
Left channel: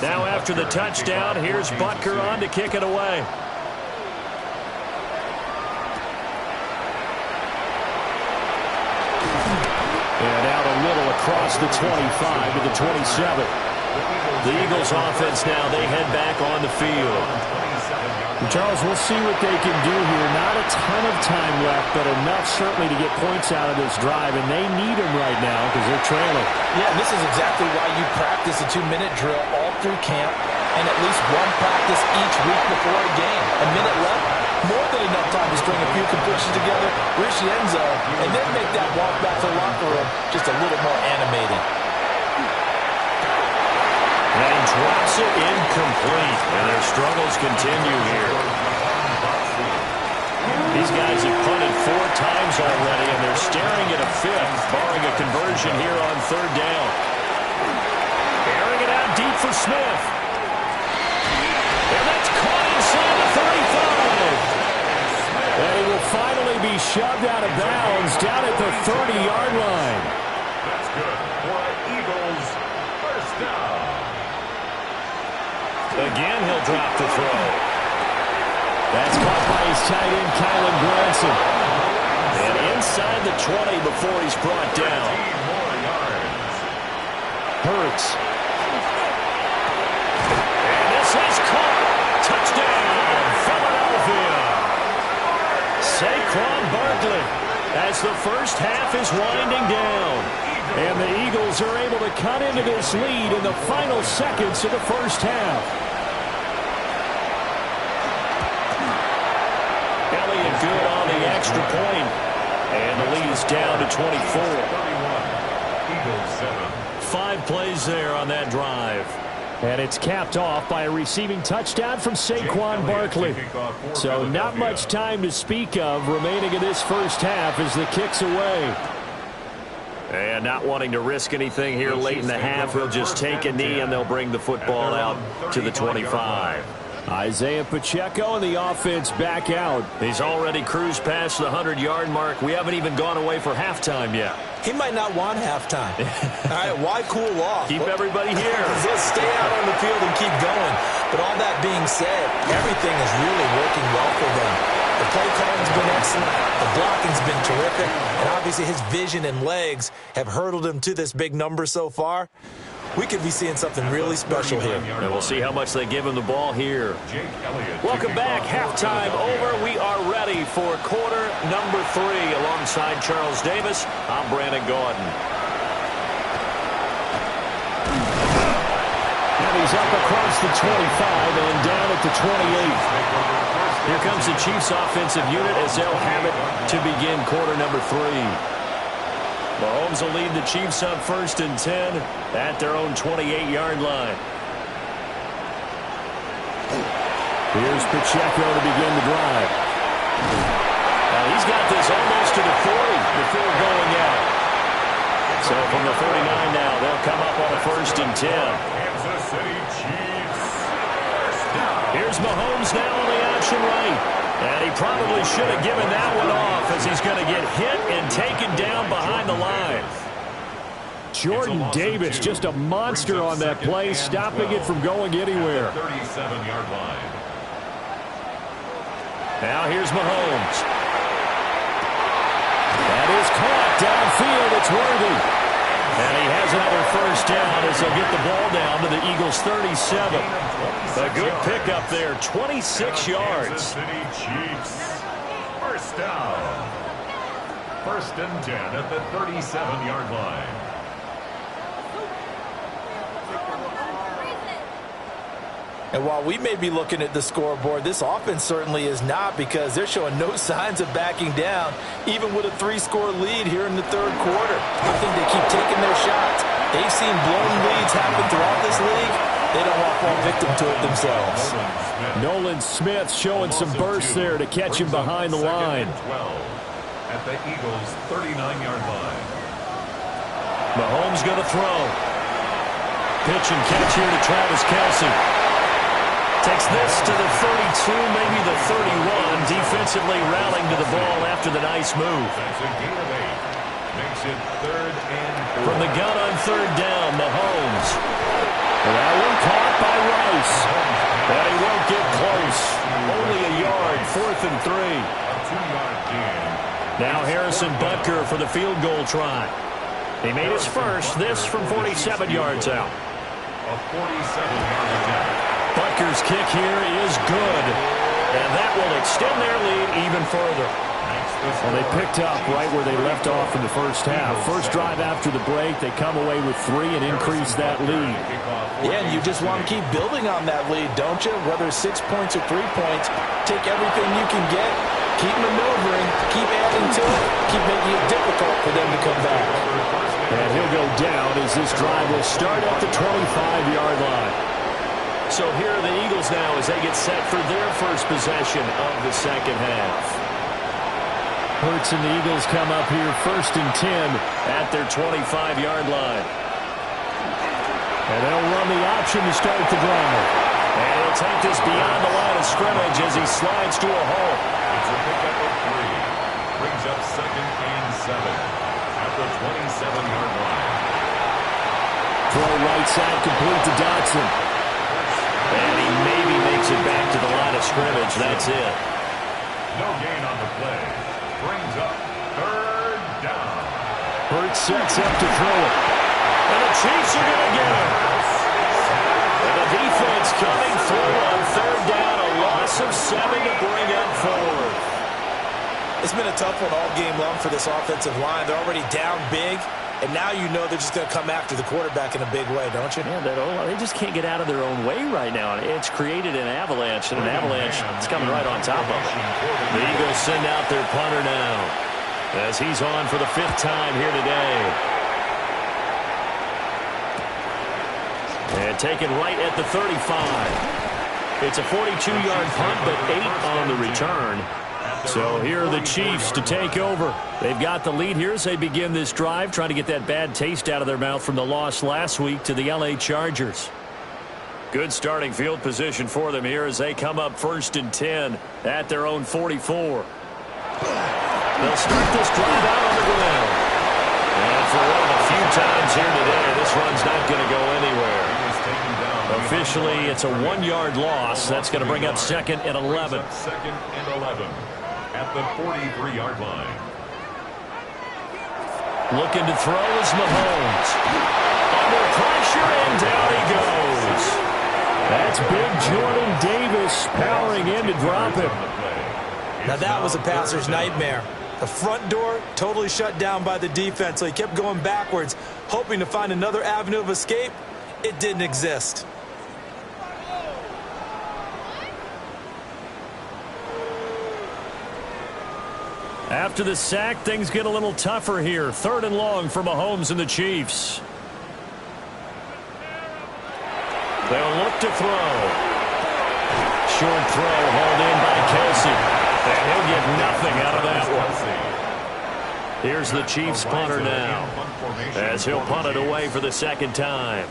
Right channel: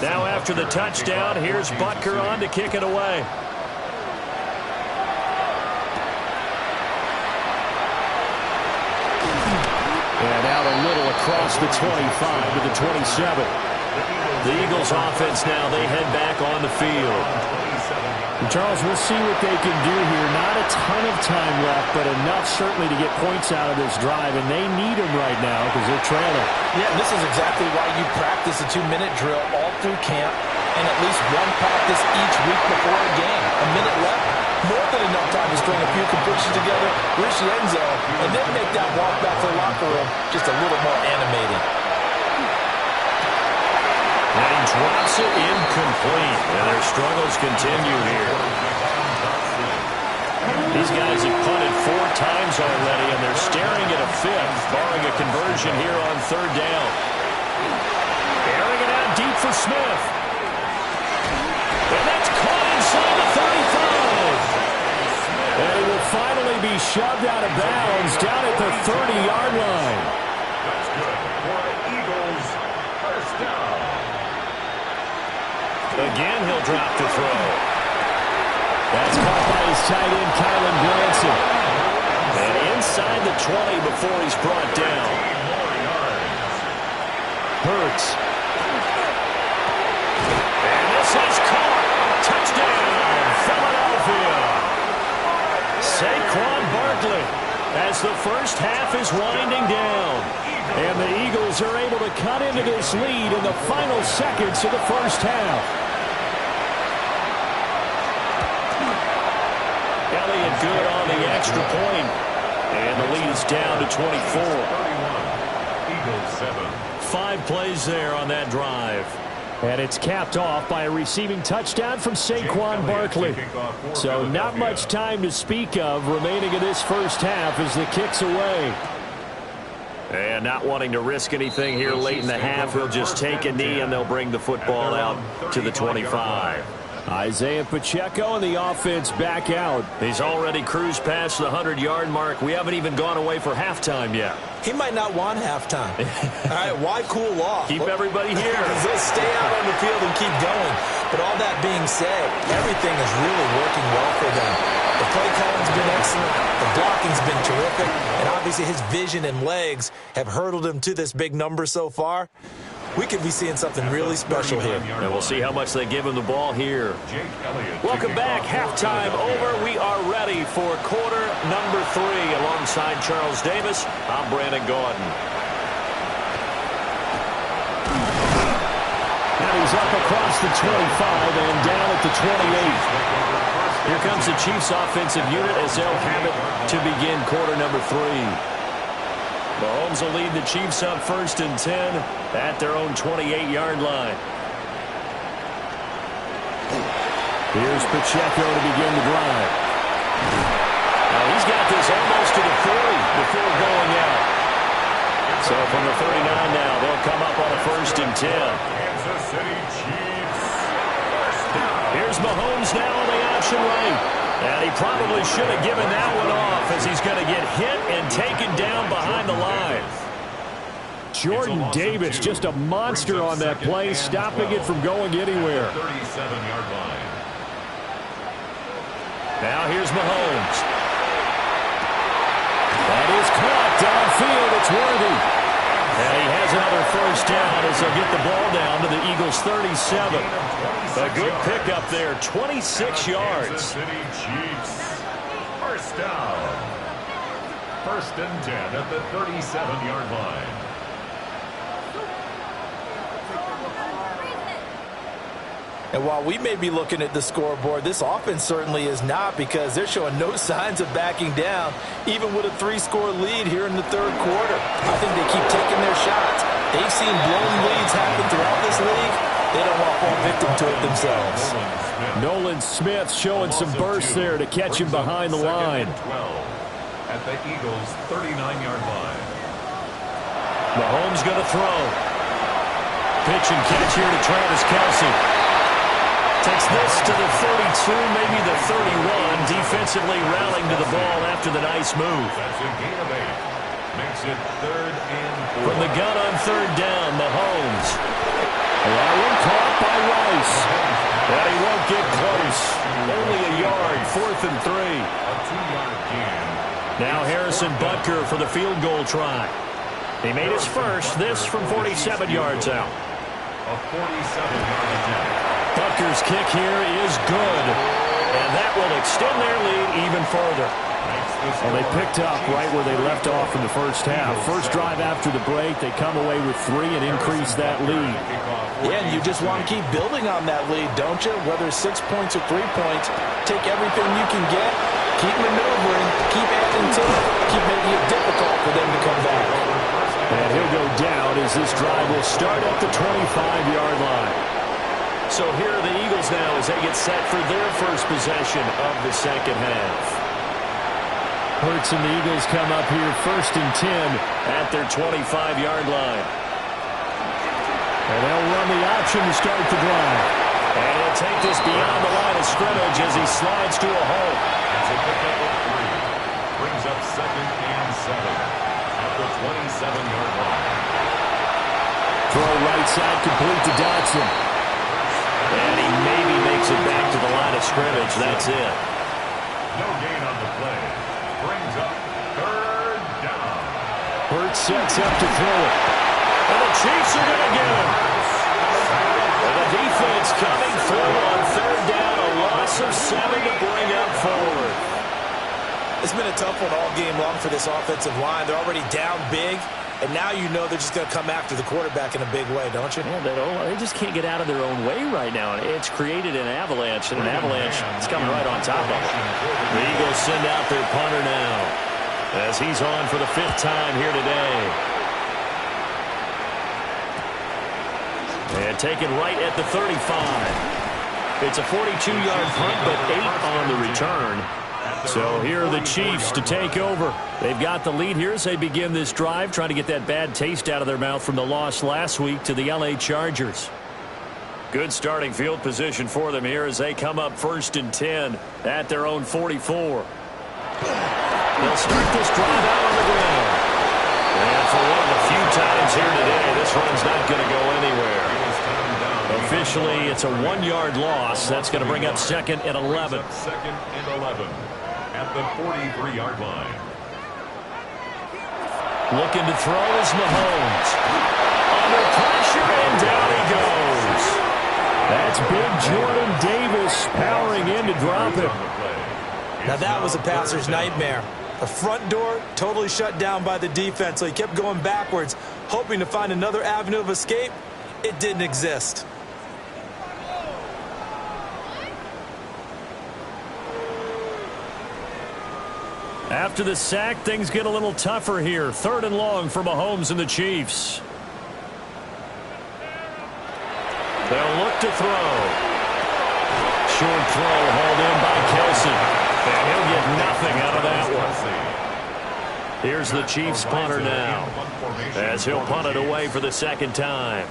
Now after the touchdown, here's Butker on to kick it away. And out a little across the 25 to the 27. The Eagles offense now, they head back on the field. Charles, we'll see what they can do here. Not a ton of time left, but enough certainly to get points out of this drive, and they need them right now because they're trailing. Yeah, this is exactly why you practice a 2-minute drill all through camp and at least one practice each week before a game. A minute left, more than enough time to string a few completions together, reach the end zone, and then make that walk back to the locker room just a little more animated. And he drops it incomplete. And their struggles continue here. These guys have punted 4 times already, and they're staring at a 5th, barring a conversion here on third down. Airing it out deep for Smith. And that's caught inside the 35. And he will finally be shoved out of bounds down at the 30-yard line. That's good for Eagles first down. Again, he'll drop the throw. That's caught by his tight end, Kylen Granson. And inside the 20 before he's brought down. Hurts. And this is caught. Touchdown, Philadelphia. Saquon Barkley as the first half is winding down. And the Eagles are able to cut into this lead in the final seconds of the first half. Elliott good on the extra point. And the lead is down to 24. 31. Eagles 7. 5 plays there on that drive. And it's capped off by a receiving touchdown from Saquon Barkley. So not much time to speak of remaining in this first half as the kick's away. And not wanting to risk anything here late in the half, he'll just take a knee and they'll bring the football out to the 25. Isaiah Pacheco and the offense back out. He's already cruised past the 100-yard mark. We haven't even gone away for halftime yet. He might not want halftime. All right, why cool off? Keep everybody here. Let's stay out on the field and keep going. But all that being said, everything is really working well for them. The play calling's been excellent. The blocking's been terrific. And obviously his vision and legs have hurdled him to this big number so far. We could be seeing something really special here. And we'll see how much they give him the ball here. Welcome back. Halftime over. We are ready for quarter number 3. Alongside Charles Davis, I'm Brandon Gaudin. And he's up across the 25 and down at the 28. Here comes the Chiefs offensive unit as they'll have it to begin quarter number 3. Mahomes will lead the Chiefs up 1st and 10 at their own 28-yard line. Here's Pacheco to begin the drive. He's got this almost to the 40 before going out. So from the 39 now, they'll come up on a 1st and 10. Kansas City Chiefs. First down. Here's Mahomes now on the option right. And he probably should have given that one off as he's going to get hit and taken down behind the line. Jordan Davis, just a monster on that play, stopping it from going anywhere. 37-yard line. Now here's Mahomes. That is caught downfield. It's Worthy. And he has another 1st down as they'll get the ball down to the Eagles' 37. A good pickup there, 26 yards. Kansas City Chiefs. First down. 1st and 10 at the 37-yard line. And while we may be looking at the scoreboard, this offense certainly is not, because they're showing no signs of backing down, even with a 3-score lead here in the 3rd quarter. I think they keep taking their shots. They've seen blown leads happen throughout this league. They don't want to fall victim to it themselves. Nolan Smith showing some burst there to catch him behind the line. 12 at the Eagles' 39-yard line. Mahomes going to throw. Pitch and catch here to Travis Kelce. Takes this to the 32, maybe the 31. Defensively rallying to the ball after the nice move. That's a gain of 8. Makes it 3rd and 4. From the gun on 3rd down, Mahomes. That one caught by Rice. But he won't get close. Only a yard, 4th and 3. A 2-yard gain. Now Harrison Butker for the field goal try. He made his first, this from 47 yards out. A 47-yard attempt. Butker's kick here is good. And that will extend their lead even further. Well, they picked up right where they left off in the first half. First drive after the break, they come away with 3 and increase that lead. Yeah, and you just want to keep building on that lead, don't you? Whether it's 6 points or 3 points, take everything you can get, keep maneuvering, keep adding to it, keep making it difficult for them to come back. And he'll go down as this drive will start at the 25-yard line. So here are the Eagles now as they get set for their first possession of the 2nd half. Hurts and the Eagles come up here 1st and 10 at their 25-yard line. And they'll run the option to start the drive. And he'll take this beyond the line of scrimmage as he slides to a hole. It's a pickup of 3. Brings up 2nd and 7 at the 27-yard line. Throw right side complete to Dotson. And he maybe makes it back to the line of scrimmage. That's it. No gain on the play. Brings up 3rd down. Hurts sets up to throw it. And the Chiefs are going to get him. And the defense coming through on 3rd down. A loss of 7 to bring up 4. It's been a tough one all game long for this offensive line. They're already down big. And now you know they're just going to come after the quarterback in a big way, don't you? Yeah, they just can't get out of their own way right now. It's created an avalanche, and an avalanche is coming right on top of them. The Eagles send out their punter now as he's on for the 5th time here today. And taken right at the 35. It's a 42-yard punt, but 8 on the return. So here are the Chiefs to take over. They've got the lead here as they begin this drive, trying to get that bad taste out of their mouth from the loss last week to the L.A. Chargers. Good starting field position for them here as they come up 1st and 10 at their own 44. They'll start this drive out on the ground. And for one of the few times here today, this run's not going to go anywhere. Officially, it's a 1-yard loss. That's going to bring up 2nd and 11. 2nd and 11 at the 43-yard line. Looking to throw is Mahomes. Under pressure, and down he goes. That's big Jordan Davis powering in to drop him. Now that was a passer's nightmare. The front door totally shut down by the defense, so he kept going backwards, hoping to find another avenue of escape. It didn't exist. After the sack, things get a little tougher here. 3rd and long for Mahomes and the Chiefs. They'll look to throw. Short throw hauled in by Kelsey. And he'll get nothing out of that one. Here's the Chiefs punter now, as he'll punt it away for the 2nd time.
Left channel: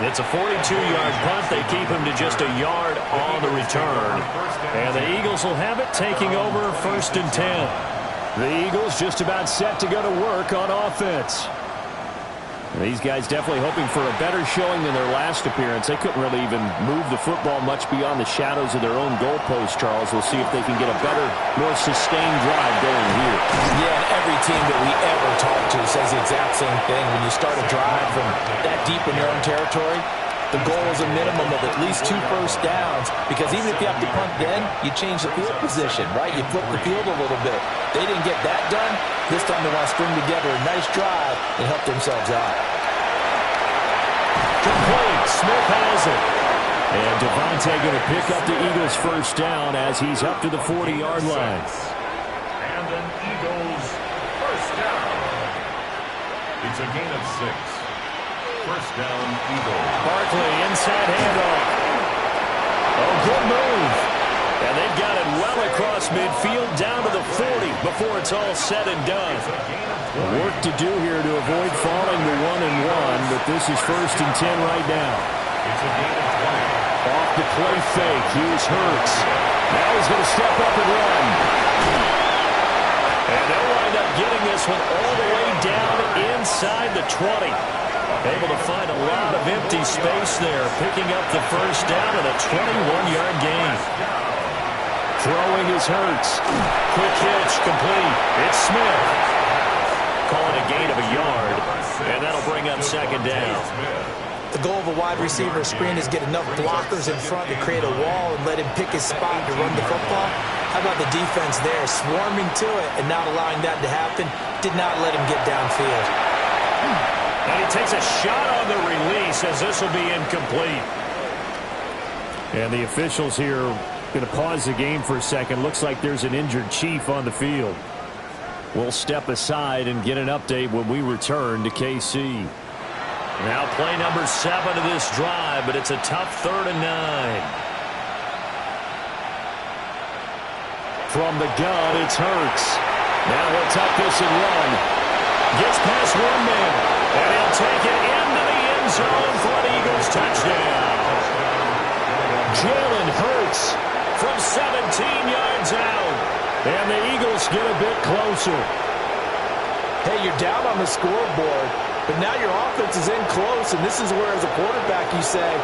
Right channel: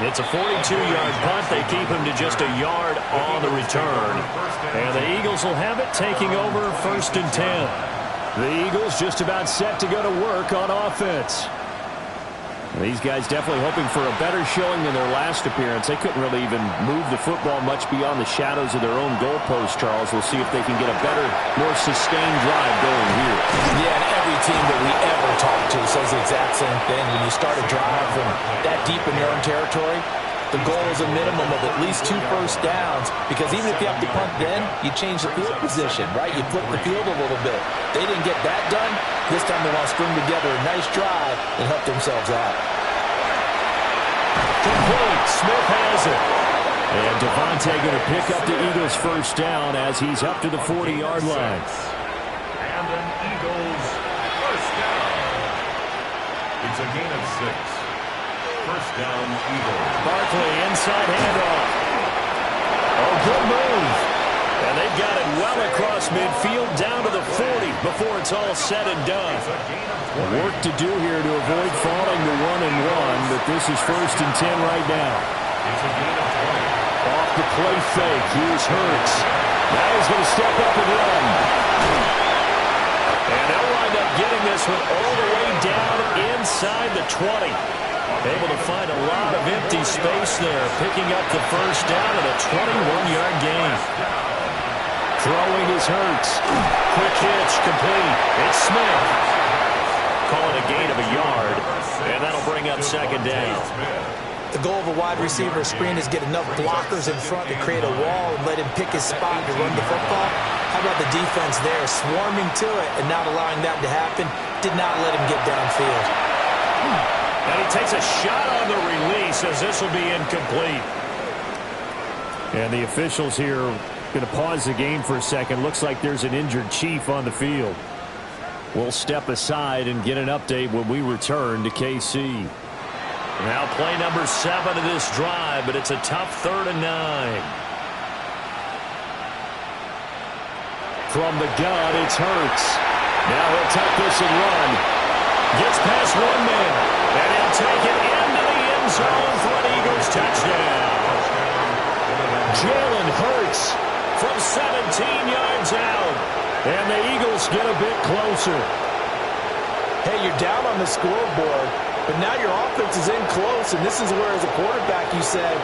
It's a 42-yard punt. They keep him to just a yard on the return. And the Eagles will have it, taking over 1st and 10. The Eagles just about set to go to work on offense. These guys definitely hoping for a better showing than their last appearance. They couldn't really even move the football much beyond the shadows of their own goalpost, Charles. We'll see if they can get a better, more sustained drive going here. Yeah, and every team that we ever talk to says the exact same thing. When you start a drive from that deep in your own territory, the goal is a minimum of at least 2 first downs, because even if you have to punt then, you change the field position, right? You flip the field a little bit. They didn't get that done. This time they want to string together a nice drive and help themselves out. Complete. Smith has it. And Devontae going to pick up the Eagles' first down as he's up to the 40-yard line. And an Eagles first down. It's a gain of 6. First down, Eagles. Barkley, inside handoff. Oh, good move. And they've got it well across midfield down to the 40 before it's all said and done. Work to do here to avoid falling to 1-1, but this is 1st and 10 right now. It's a gain of 20. Off the play fake, here's Hurts. Now he's going to step up and run. And they'll wind up getting this one all the way down inside the 20. Able to find a lot of empty space there, picking up the first down and a 21-yard gain. Throwing is Hurts. Quick hitch, complete. It's Smith. Call it a gain of a yard, and that'll bring up 2nd down. The goal of a wide receiver screen is get enough blockers in front to create a wall and let him pick his spot to run the football. How about the defense there, swarming to it and not allowing that to happen? Did not let him get downfield. And he takes a shot on the release as this will be incomplete. And the officials here going to pause the game for a second. Looks like there's an injured Chief on the field. We'll step aside and get an update when we return to KC. Now play number 7 of this drive, but it's a tough 3rd and 9. From the gun, it's Hurts. Now he'll tuck this and run. Gets past one man, and he'll take it into the end zone for an Eagles touchdown. Jalen Hurts from 17 yards out, and the Eagles get a bit closer. Hey, you're down on the scoreboard, but now your offense is in close, and this is where, as a quarterback, you say,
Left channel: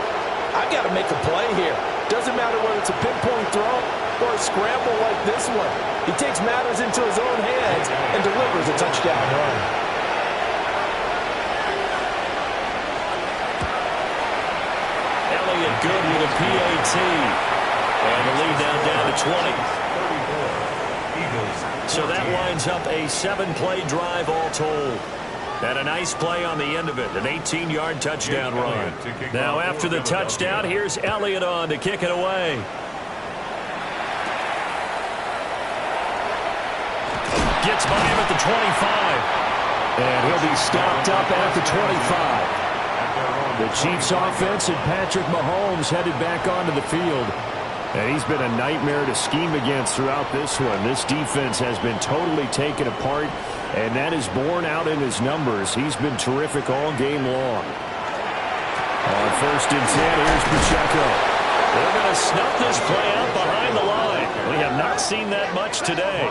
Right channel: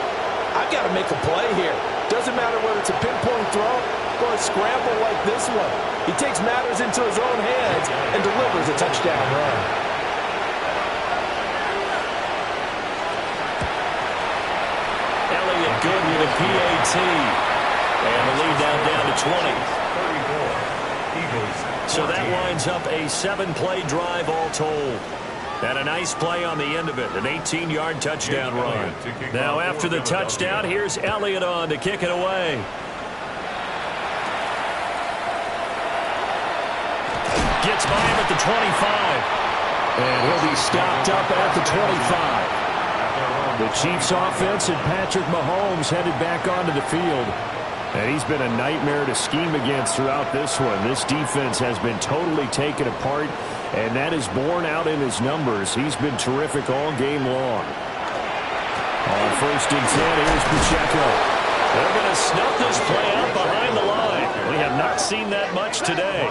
I've got to make a play here. Doesn't matter whether it's a pinpoint throw or a scramble like this one. He takes matters into his own hands and delivers a touchdown run. Elliott good with a PAT. And the lead down to 20. 34. Eagles. So that winds up a 7-play drive all told. And a nice play on the end of it, an 18-yard touchdown run. Now after the touchdown, here's Elliott on to kick it away. Gets by him at the 25. And he'll be stopped up at the 25. The Chiefs offense and Patrick Mahomes headed back onto the field. And he's been a nightmare to scheme against throughout this one. This defense has been totally taken apart, and that is borne out in his numbers. He's been terrific all game long. On 1st and 10, here's Pacheco. They're going to snuff this play out behind the line. We have not seen that much today.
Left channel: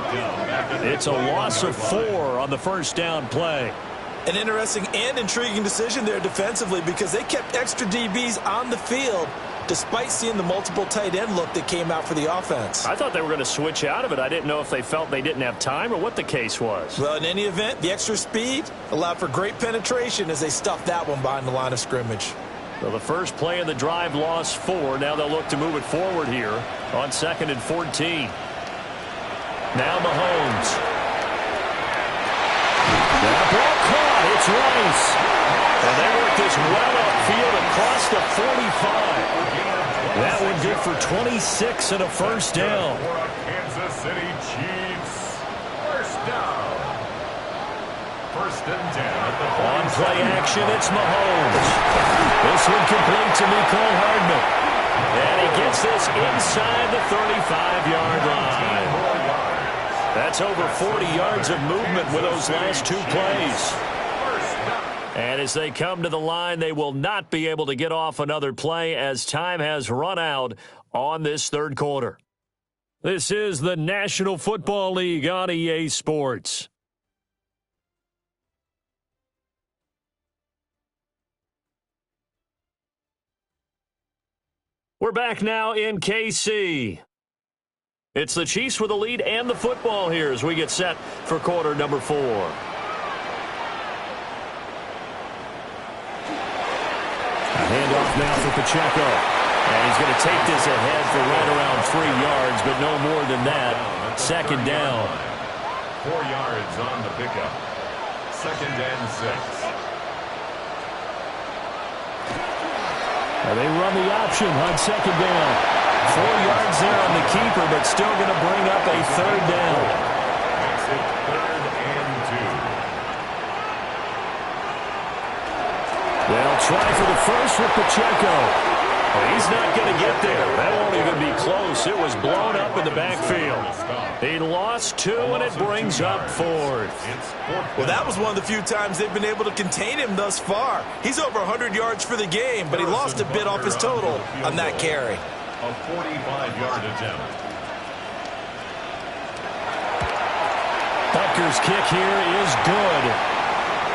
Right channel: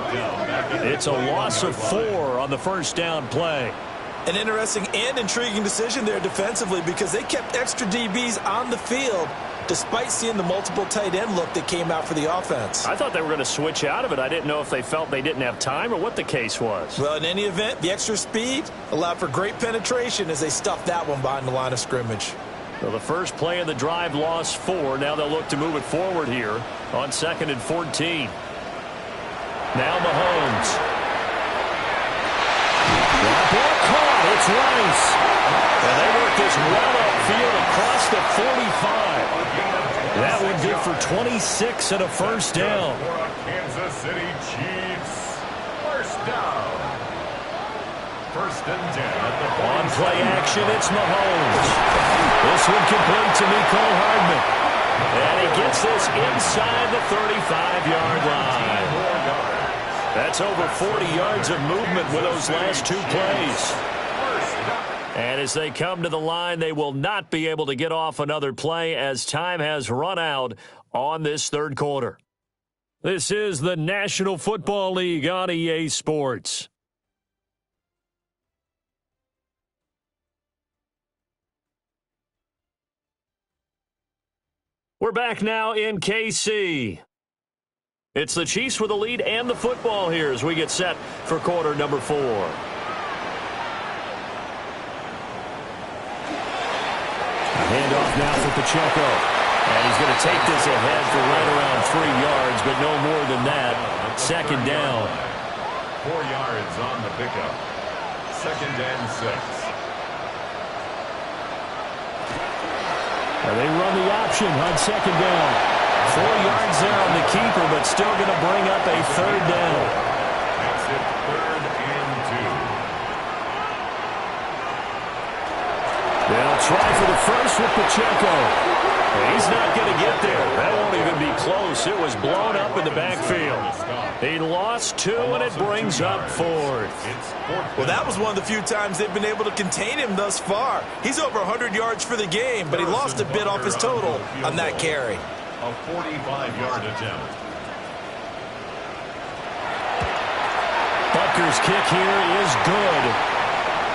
It's a loss of 4 on the first down play. An interesting and intriguing decision there defensively, because they kept extra DBs on the field despite seeing the multiple tight end look that came out for the offense. I thought they were going to switch out of it. I didn't know if they felt they didn't have time or what the case was. Well, in any event, the extra speed allowed for great penetration as they stuffed that one behind the line of scrimmage. Well, the first play of the drive lost 4. Now they'll look to move it forward here on 2nd and 14. Now Mahomes. That ball caught. It's Rice. And they work this well upfield across the 45. That one good for 26 and a first down. For a Kansas City Chiefs. First down. First and 10 at the On play action, it's Mahomes. This one complete to Mecole Hardman. And he gets this inside the 35-yard line. That's over 40 yards of movement with those last two plays. And as they come to the line, they will not be able to get off another play as time has run out on this third quarter. This is the National Football League on EA Sports. We're back now in KC. It's the Chiefs with the lead and the football here as we get set for quarter number 4. A handoff now for Pacheco. And he's going to take this ahead for right around 3 yards, but no more than that. Second down. 4 yards on the pickup. Second and 6. They run the option on second down. 4 yards there on the keeper, but still going to bring up a third down. Makes it 3rd and 2. They'll try for the first with Pacheco. He's not going to get there. That won't even be close. It was blown up in the backfield. He lost 2, and it brings up 4th. Well, that was one of the few times they've been able to contain him thus far. He's over 100 yards for the game, but he lost a bit off his total on that carry. A 45-yard attempt. Butker's kick here is good.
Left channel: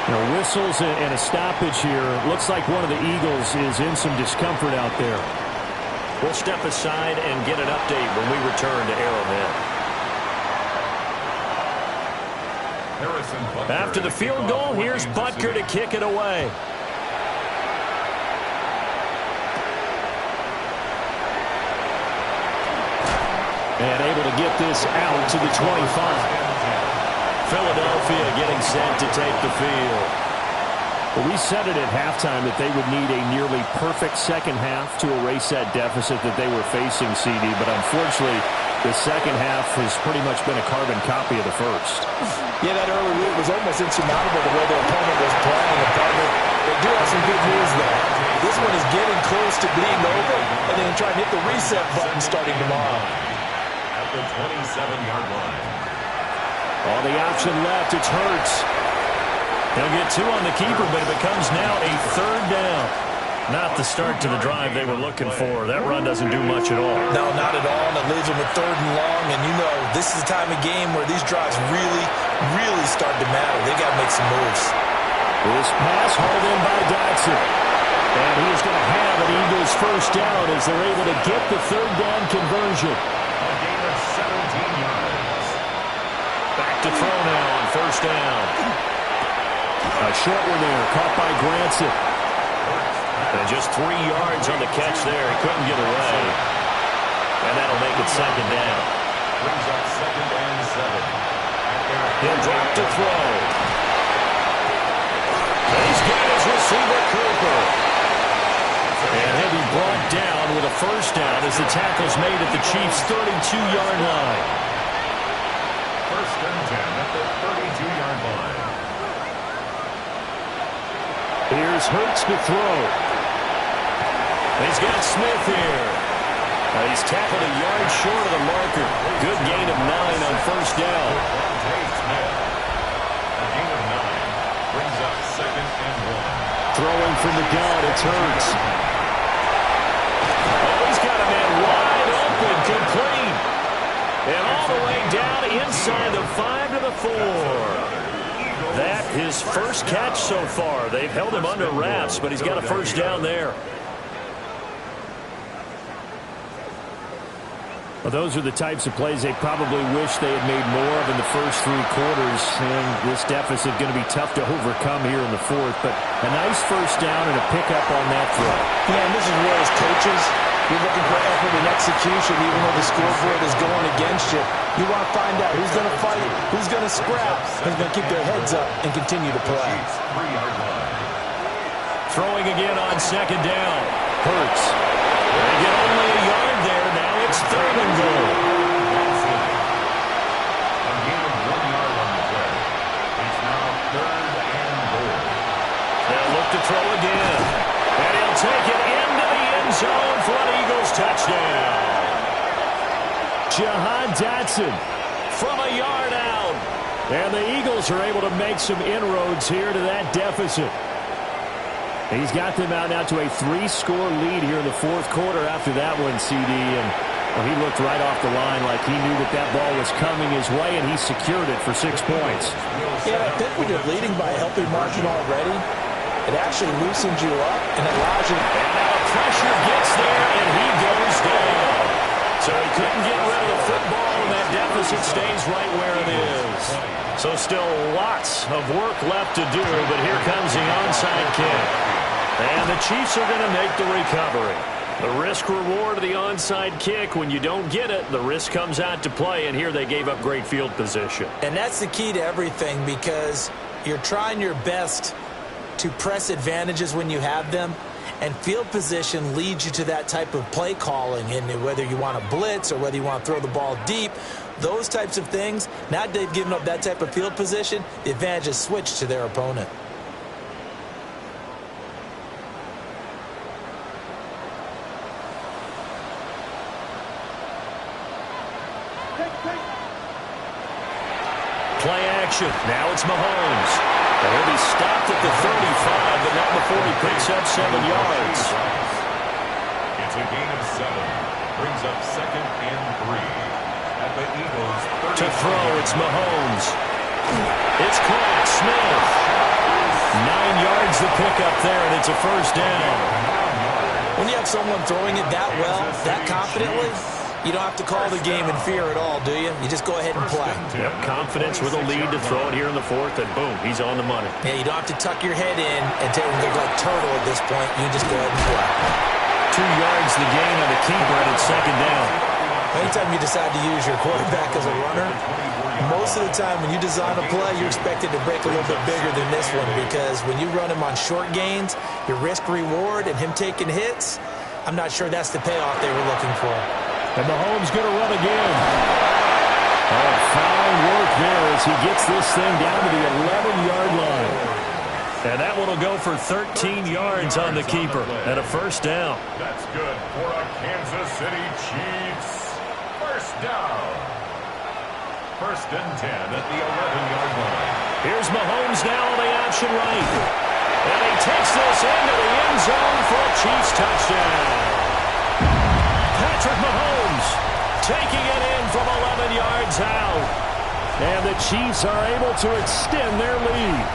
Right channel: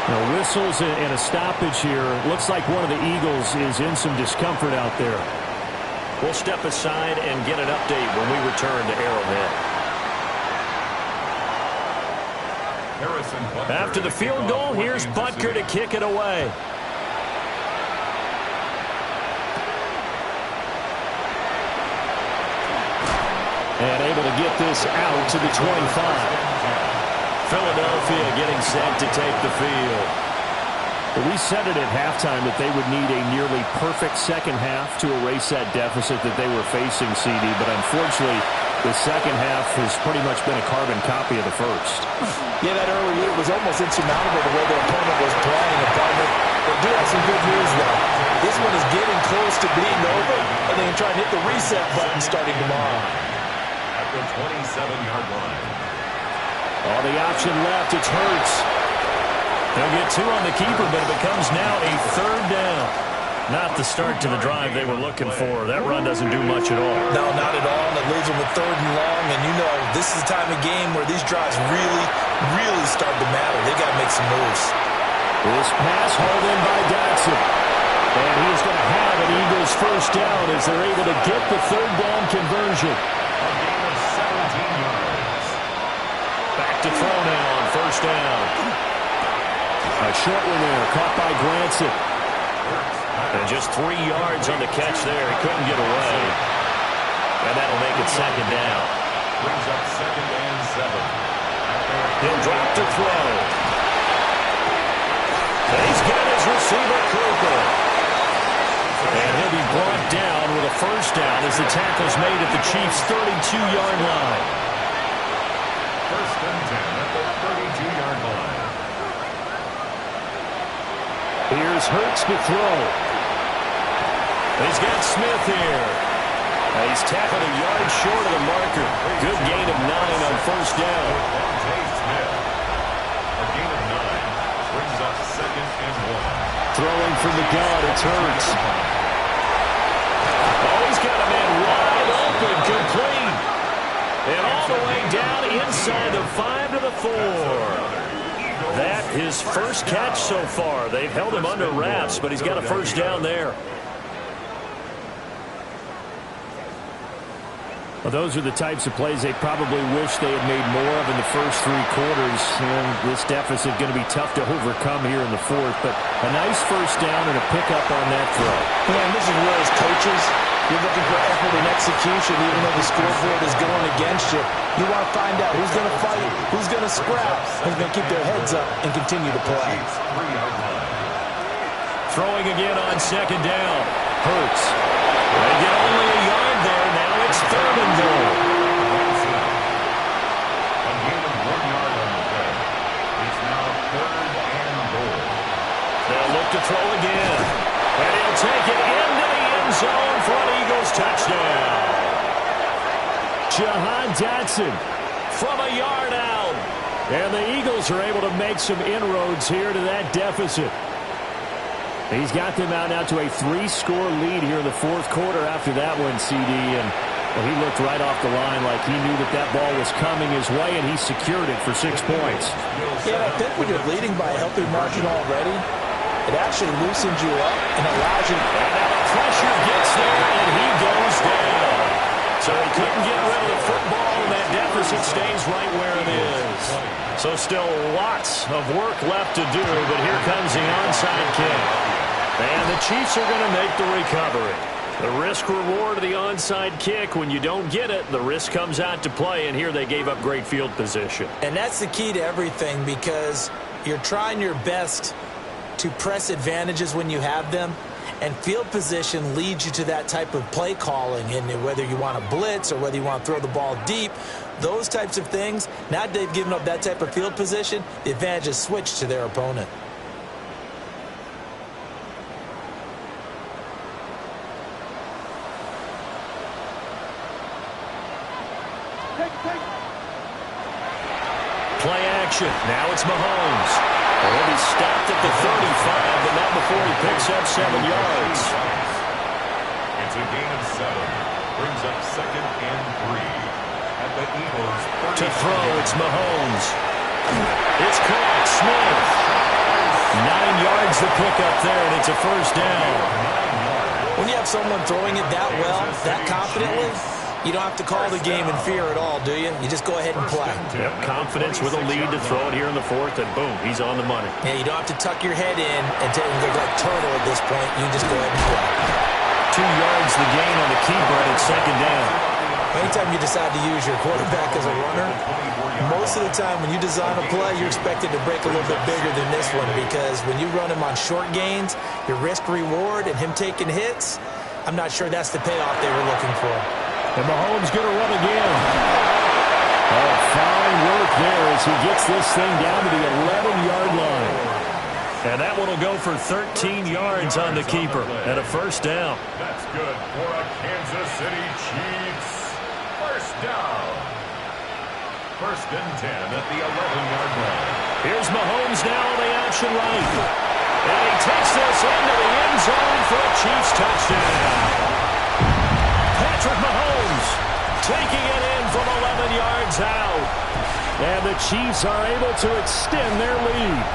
Now, whistles and a stoppage here. Looks like one of the Eagles is in some discomfort out there. We'll step aside and get an update when we return to Arrowhead. After the field goal, here's Butker to kick it away. And able to get this out to the 25. Philadelphia getting set to take the field. Well, we said it at halftime that they would need a nearly perfect second half to erase that deficit that they were facing, CD. But unfortunately, the second half has pretty much been a carbon copy of the first. Yeah, that early lead was almost insurmountable the way their opponent was playing. And partner, they do have some good news, though. This one is getting close to being over, and they can try and hit the reset button starting tomorrow. At the 27-yard line. All the option left, it's Hurts. He'll get 2 on the keeper, but it becomes now a third down. Not the start to the drive they were looking for. That run doesn't do much at all. No, not at all, and it leaves them with 3rd and long. And you know, this is the time of game where these drives really start to matter. They've got to make some moves. This pass hauled in by Dotson. And he's going to have an Eagles first down as they're able to get the third down conversion. A gain of 17 yards. Back to throw now on first down. A short one there, caught by Granson. And just 3 yards on the catch there. He couldn't get away. And that'll make it second down. Brings up 2nd and 7. He'll drop to throw. He's got his receiver, Cooper. And he'll be brought down with a first down as the tackle's made at the Chiefs' 32-yard line. First and 10 at the 32-yard line. Here's Hurts to throw. He's got Smith here. He's tackled a yard short of the marker. Good gain of 9 on first down. Smith. A gain of 9 brings up 2nd and 1. Throwing from the gun, it's Hurts. Oh, he's got a man wide open, complete. And all the way down inside the 5 to the 4. That his first catch so far. They've held him under wraps, but he's got a first down there. Well, those are the types of plays they probably wish they had made more of in the first 3 quarters. And this deficit going to be tough to overcome here in the 4th. But a nice first down and a pickup on that throw. Yeah, and this is where as coaches, you're looking for effort and execution, even though the scoreboard is going against you. You want to find out who's going to fight, who's going to scrap, who's going to keep their heads up and continue to play. 3-yard line. Throwing again on second down. Hurts. They get only a It's 3rd and goal. That's it. A gain of 1 yard on the play. It's now 3rd and goal. They'll look to throw again. And he'll take it into the end zone for an Eagles touchdown. Jahan Dotson From a yard out. And the Eagles are able to make some inroads here to that deficit. He's got them out now to a 3-score lead here in the 4th quarter after that one, CD. And well, he looked right off the line like he knew that that ball was coming his way, and he secured it for 6 points. Yeah, I think when you're leading by a healthy margin already, it actually loosens you up and allows you to... And now the pressure gets there, and he goes down. So he couldn't get rid of the football, and that deficit stays right where it is. So still lots of work left to do, but here comes the onside kick. And the Chiefs are going to make the recovery. The risk-reward of the onside kick, when you don't get it, the risk comes out to play, and here they gave up great field position. And that's the key to everything, because you're trying your best to press advantages when you have them, and field position leads you to that type of play calling. And whether you want to blitz or whether you want to throw the ball deep, those types of things, now that they've given up that type of field position, the advantage is switched to their opponent. Play action. Now it's Mahomes. And he'll be stopped at the 35, but not before he picks up 7 yards. It's a gain of 7. Brings up 2nd and 3. At the Eagles' 30. To throw, it's Mahomes. It's caught. Smith. 9 yards to pick up there, and it's a first down. When you have someone throwing it that well, that confidently, you don't have to call the game in fear at all, do you? You just go ahead and play. Yep, confidence with a lead to throw it here in the 4th, and boom, he's on the money. Yeah, you don't have to tuck your head in and look like turtle at this point. You just go ahead and play. 2 yards the gain on the keeper, and it's 2nd down. Anytime you decide to use your quarterback as a runner, most of the time when you design a play, you're expected to break a little bit bigger than this one, because when you run him on short gains, your risk-reward and him taking hits, I'm not sure that's the payoff they were looking for. And Mahomes going to run again. Oh, fine work there as he gets this thing down to the 11-yard line. And that one will go for 13 yards on the keeper and a first down. That's good for a Kansas City Chiefs. First down. 1st and 10 at the 11-yard line. Here's Mahomes now on the option right. And he takes this into the end zone for a Chiefs touchdown. Patrick Mahomes taking it in from 11 yards out. And the Chiefs are able to extend their lead.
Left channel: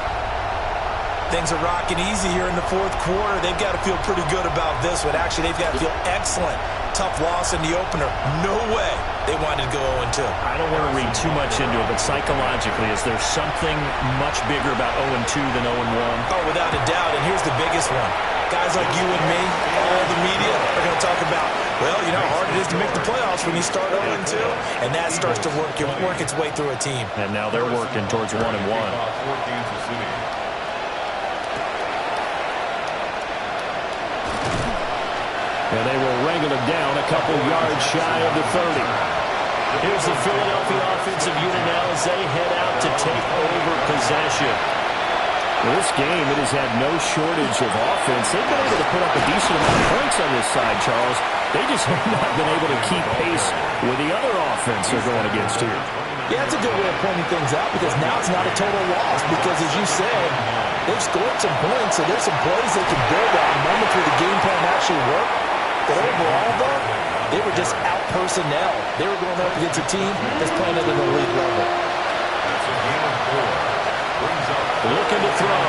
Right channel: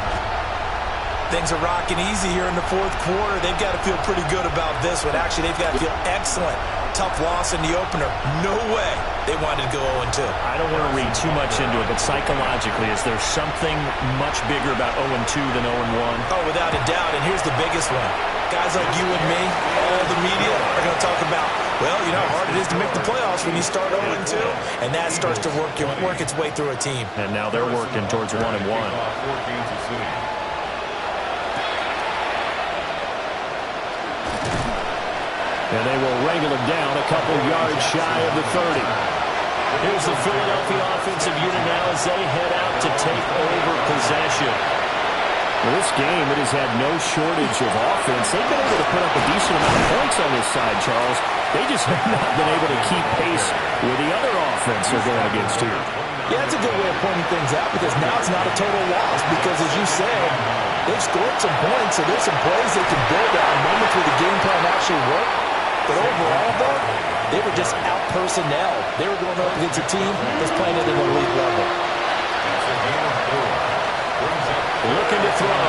Things are rocking easy here in the 4th quarter. They've got to feel pretty good about this one. Actually, they've got to feel excellent. Tough loss in the opener. No way they wanted to go 0-2. I don't want to read too much into it, but psychologically, is there something much bigger about 0-2 than 0-1? Oh, without a doubt, and here's the biggest one. Guys like you and me, all the media, are going to talk about, well, you know how hard it is to make the playoffs when you start 0-2, and that starts to work its way through a team. And now they're working towards 1-1. And they will wrangle it down a couple yards shy of the 30. Here's the Philadelphia offensive unit now as they head out to take over possession. Well, this game, it has had no shortage of offense. They've been able to put up a decent amount of points on this side, Charles. They just have not been able to keep pace with the other offense they're going against here. Yeah, that's a good way of pointing things out, because now it's not a total loss, because as you said, they've scored some points, so there's some plays they can build on, moments where the game plan actually worked. But overall, though, they were just out-personnel. They were going up against a team that's playing at an elite level. That's a gain of 4. Brings up looking to throw.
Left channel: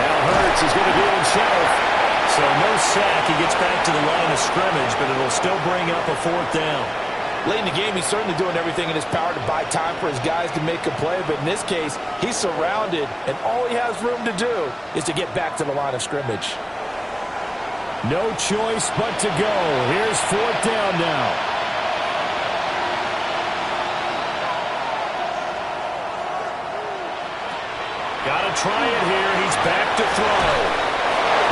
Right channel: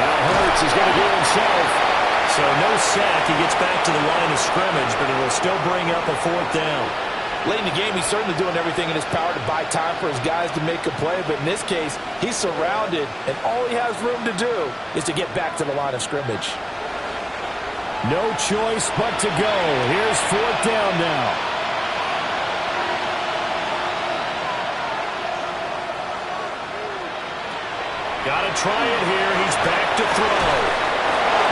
Now Hurts is going to do it himself. So no sack. He gets back to the line of scrimmage, but it'll still bring up a 4th down. Late in the game, he's certainly doing everything in his power to buy time for his guys to make a play. But in this case, he's surrounded, and all he has room to do is to get back to the line of scrimmage. No choice but to go. Here's 4th down now. Got to try it here. He's back to throw.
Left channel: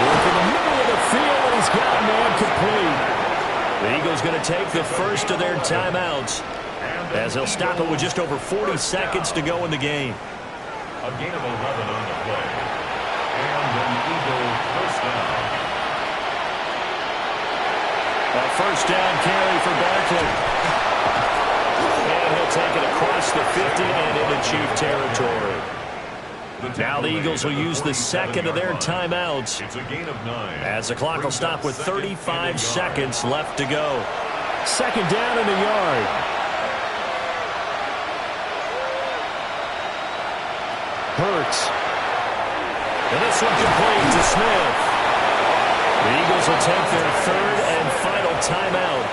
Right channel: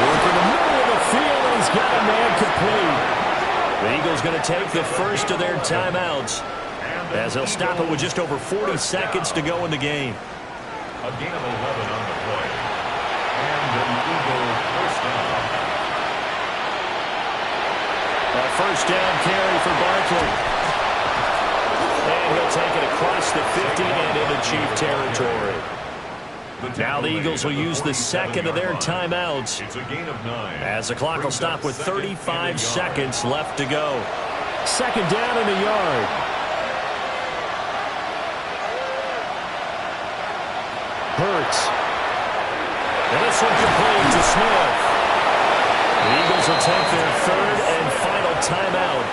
Work in the middle of the field, and he's got a man complete. The Eagles going to take the first of their timeouts as they'll stop it with just over 40 seconds to go in the game. A gain of 11 on the play. And an Eagle first down. A first down carry for Barkley. And he'll take it across the 50 and into Chief territory. Now the Eagles will use the second of their timeouts It's a gain of 9. as the clock will stop with 35 seconds left to go. Second down in the yard. Hurts. And this one complete to Smith. The Eagles will take their third and final timeout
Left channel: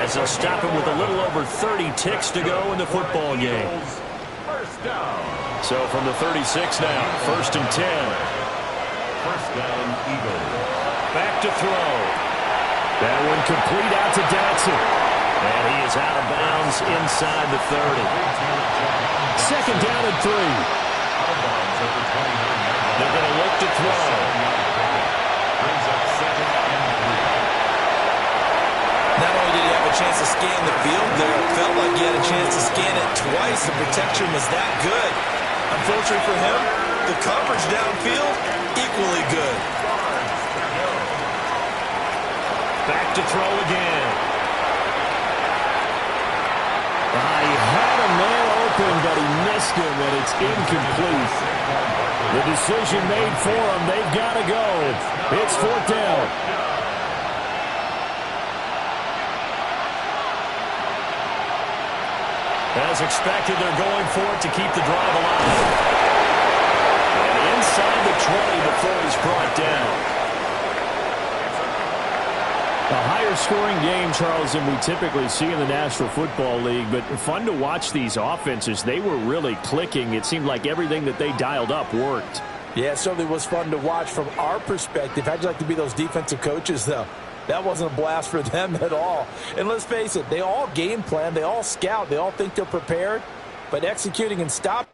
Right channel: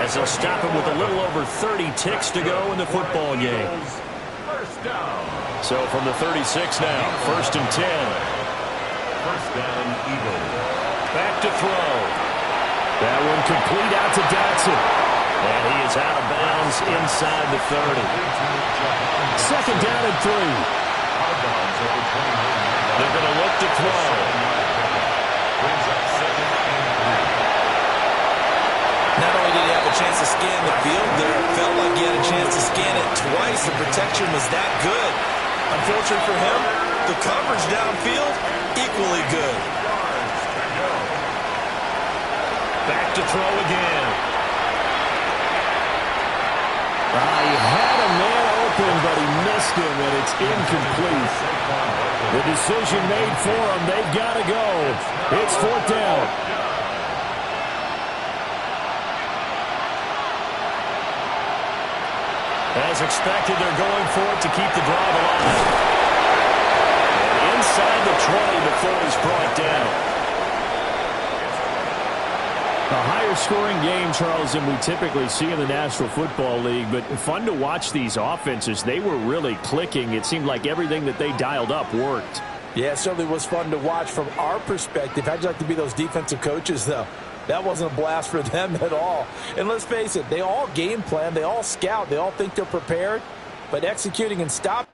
as they'll stop it with a little over 30 ticks to go in the football game. First down. So from the 36 now, first and 10. First down, Eagle. Back to throw. That one complete out to Dotson. And he is out of bounds inside the 30. Second down and 3. They're going to look to throw. Brings up second and 3. Not only did he have a chance to scan the field there, it felt like he had a chance to scan it twice. The protection was that good. Unfortunately for him, the coverage downfield, equally good. Back to throw again. He had a man open, but he missed him, and it's incomplete. The decision made for him. They've got to go. It's fourth down. As expected, they're going for it to keep the drive alive. And inside the 20 before he's brought down. A higher scoring game, Charles, than we typically see in the National Football League, but fun to watch these offenses. They were really clicking. It seemed like everything that they dialed up worked. Yeah, it certainly was fun to watch from our perspective. How'd you like to be those defensive coaches, though? That wasn't a blast for them at all. And let's face it, they all game plan, they all scout, they all think they're prepared, but executing and stopping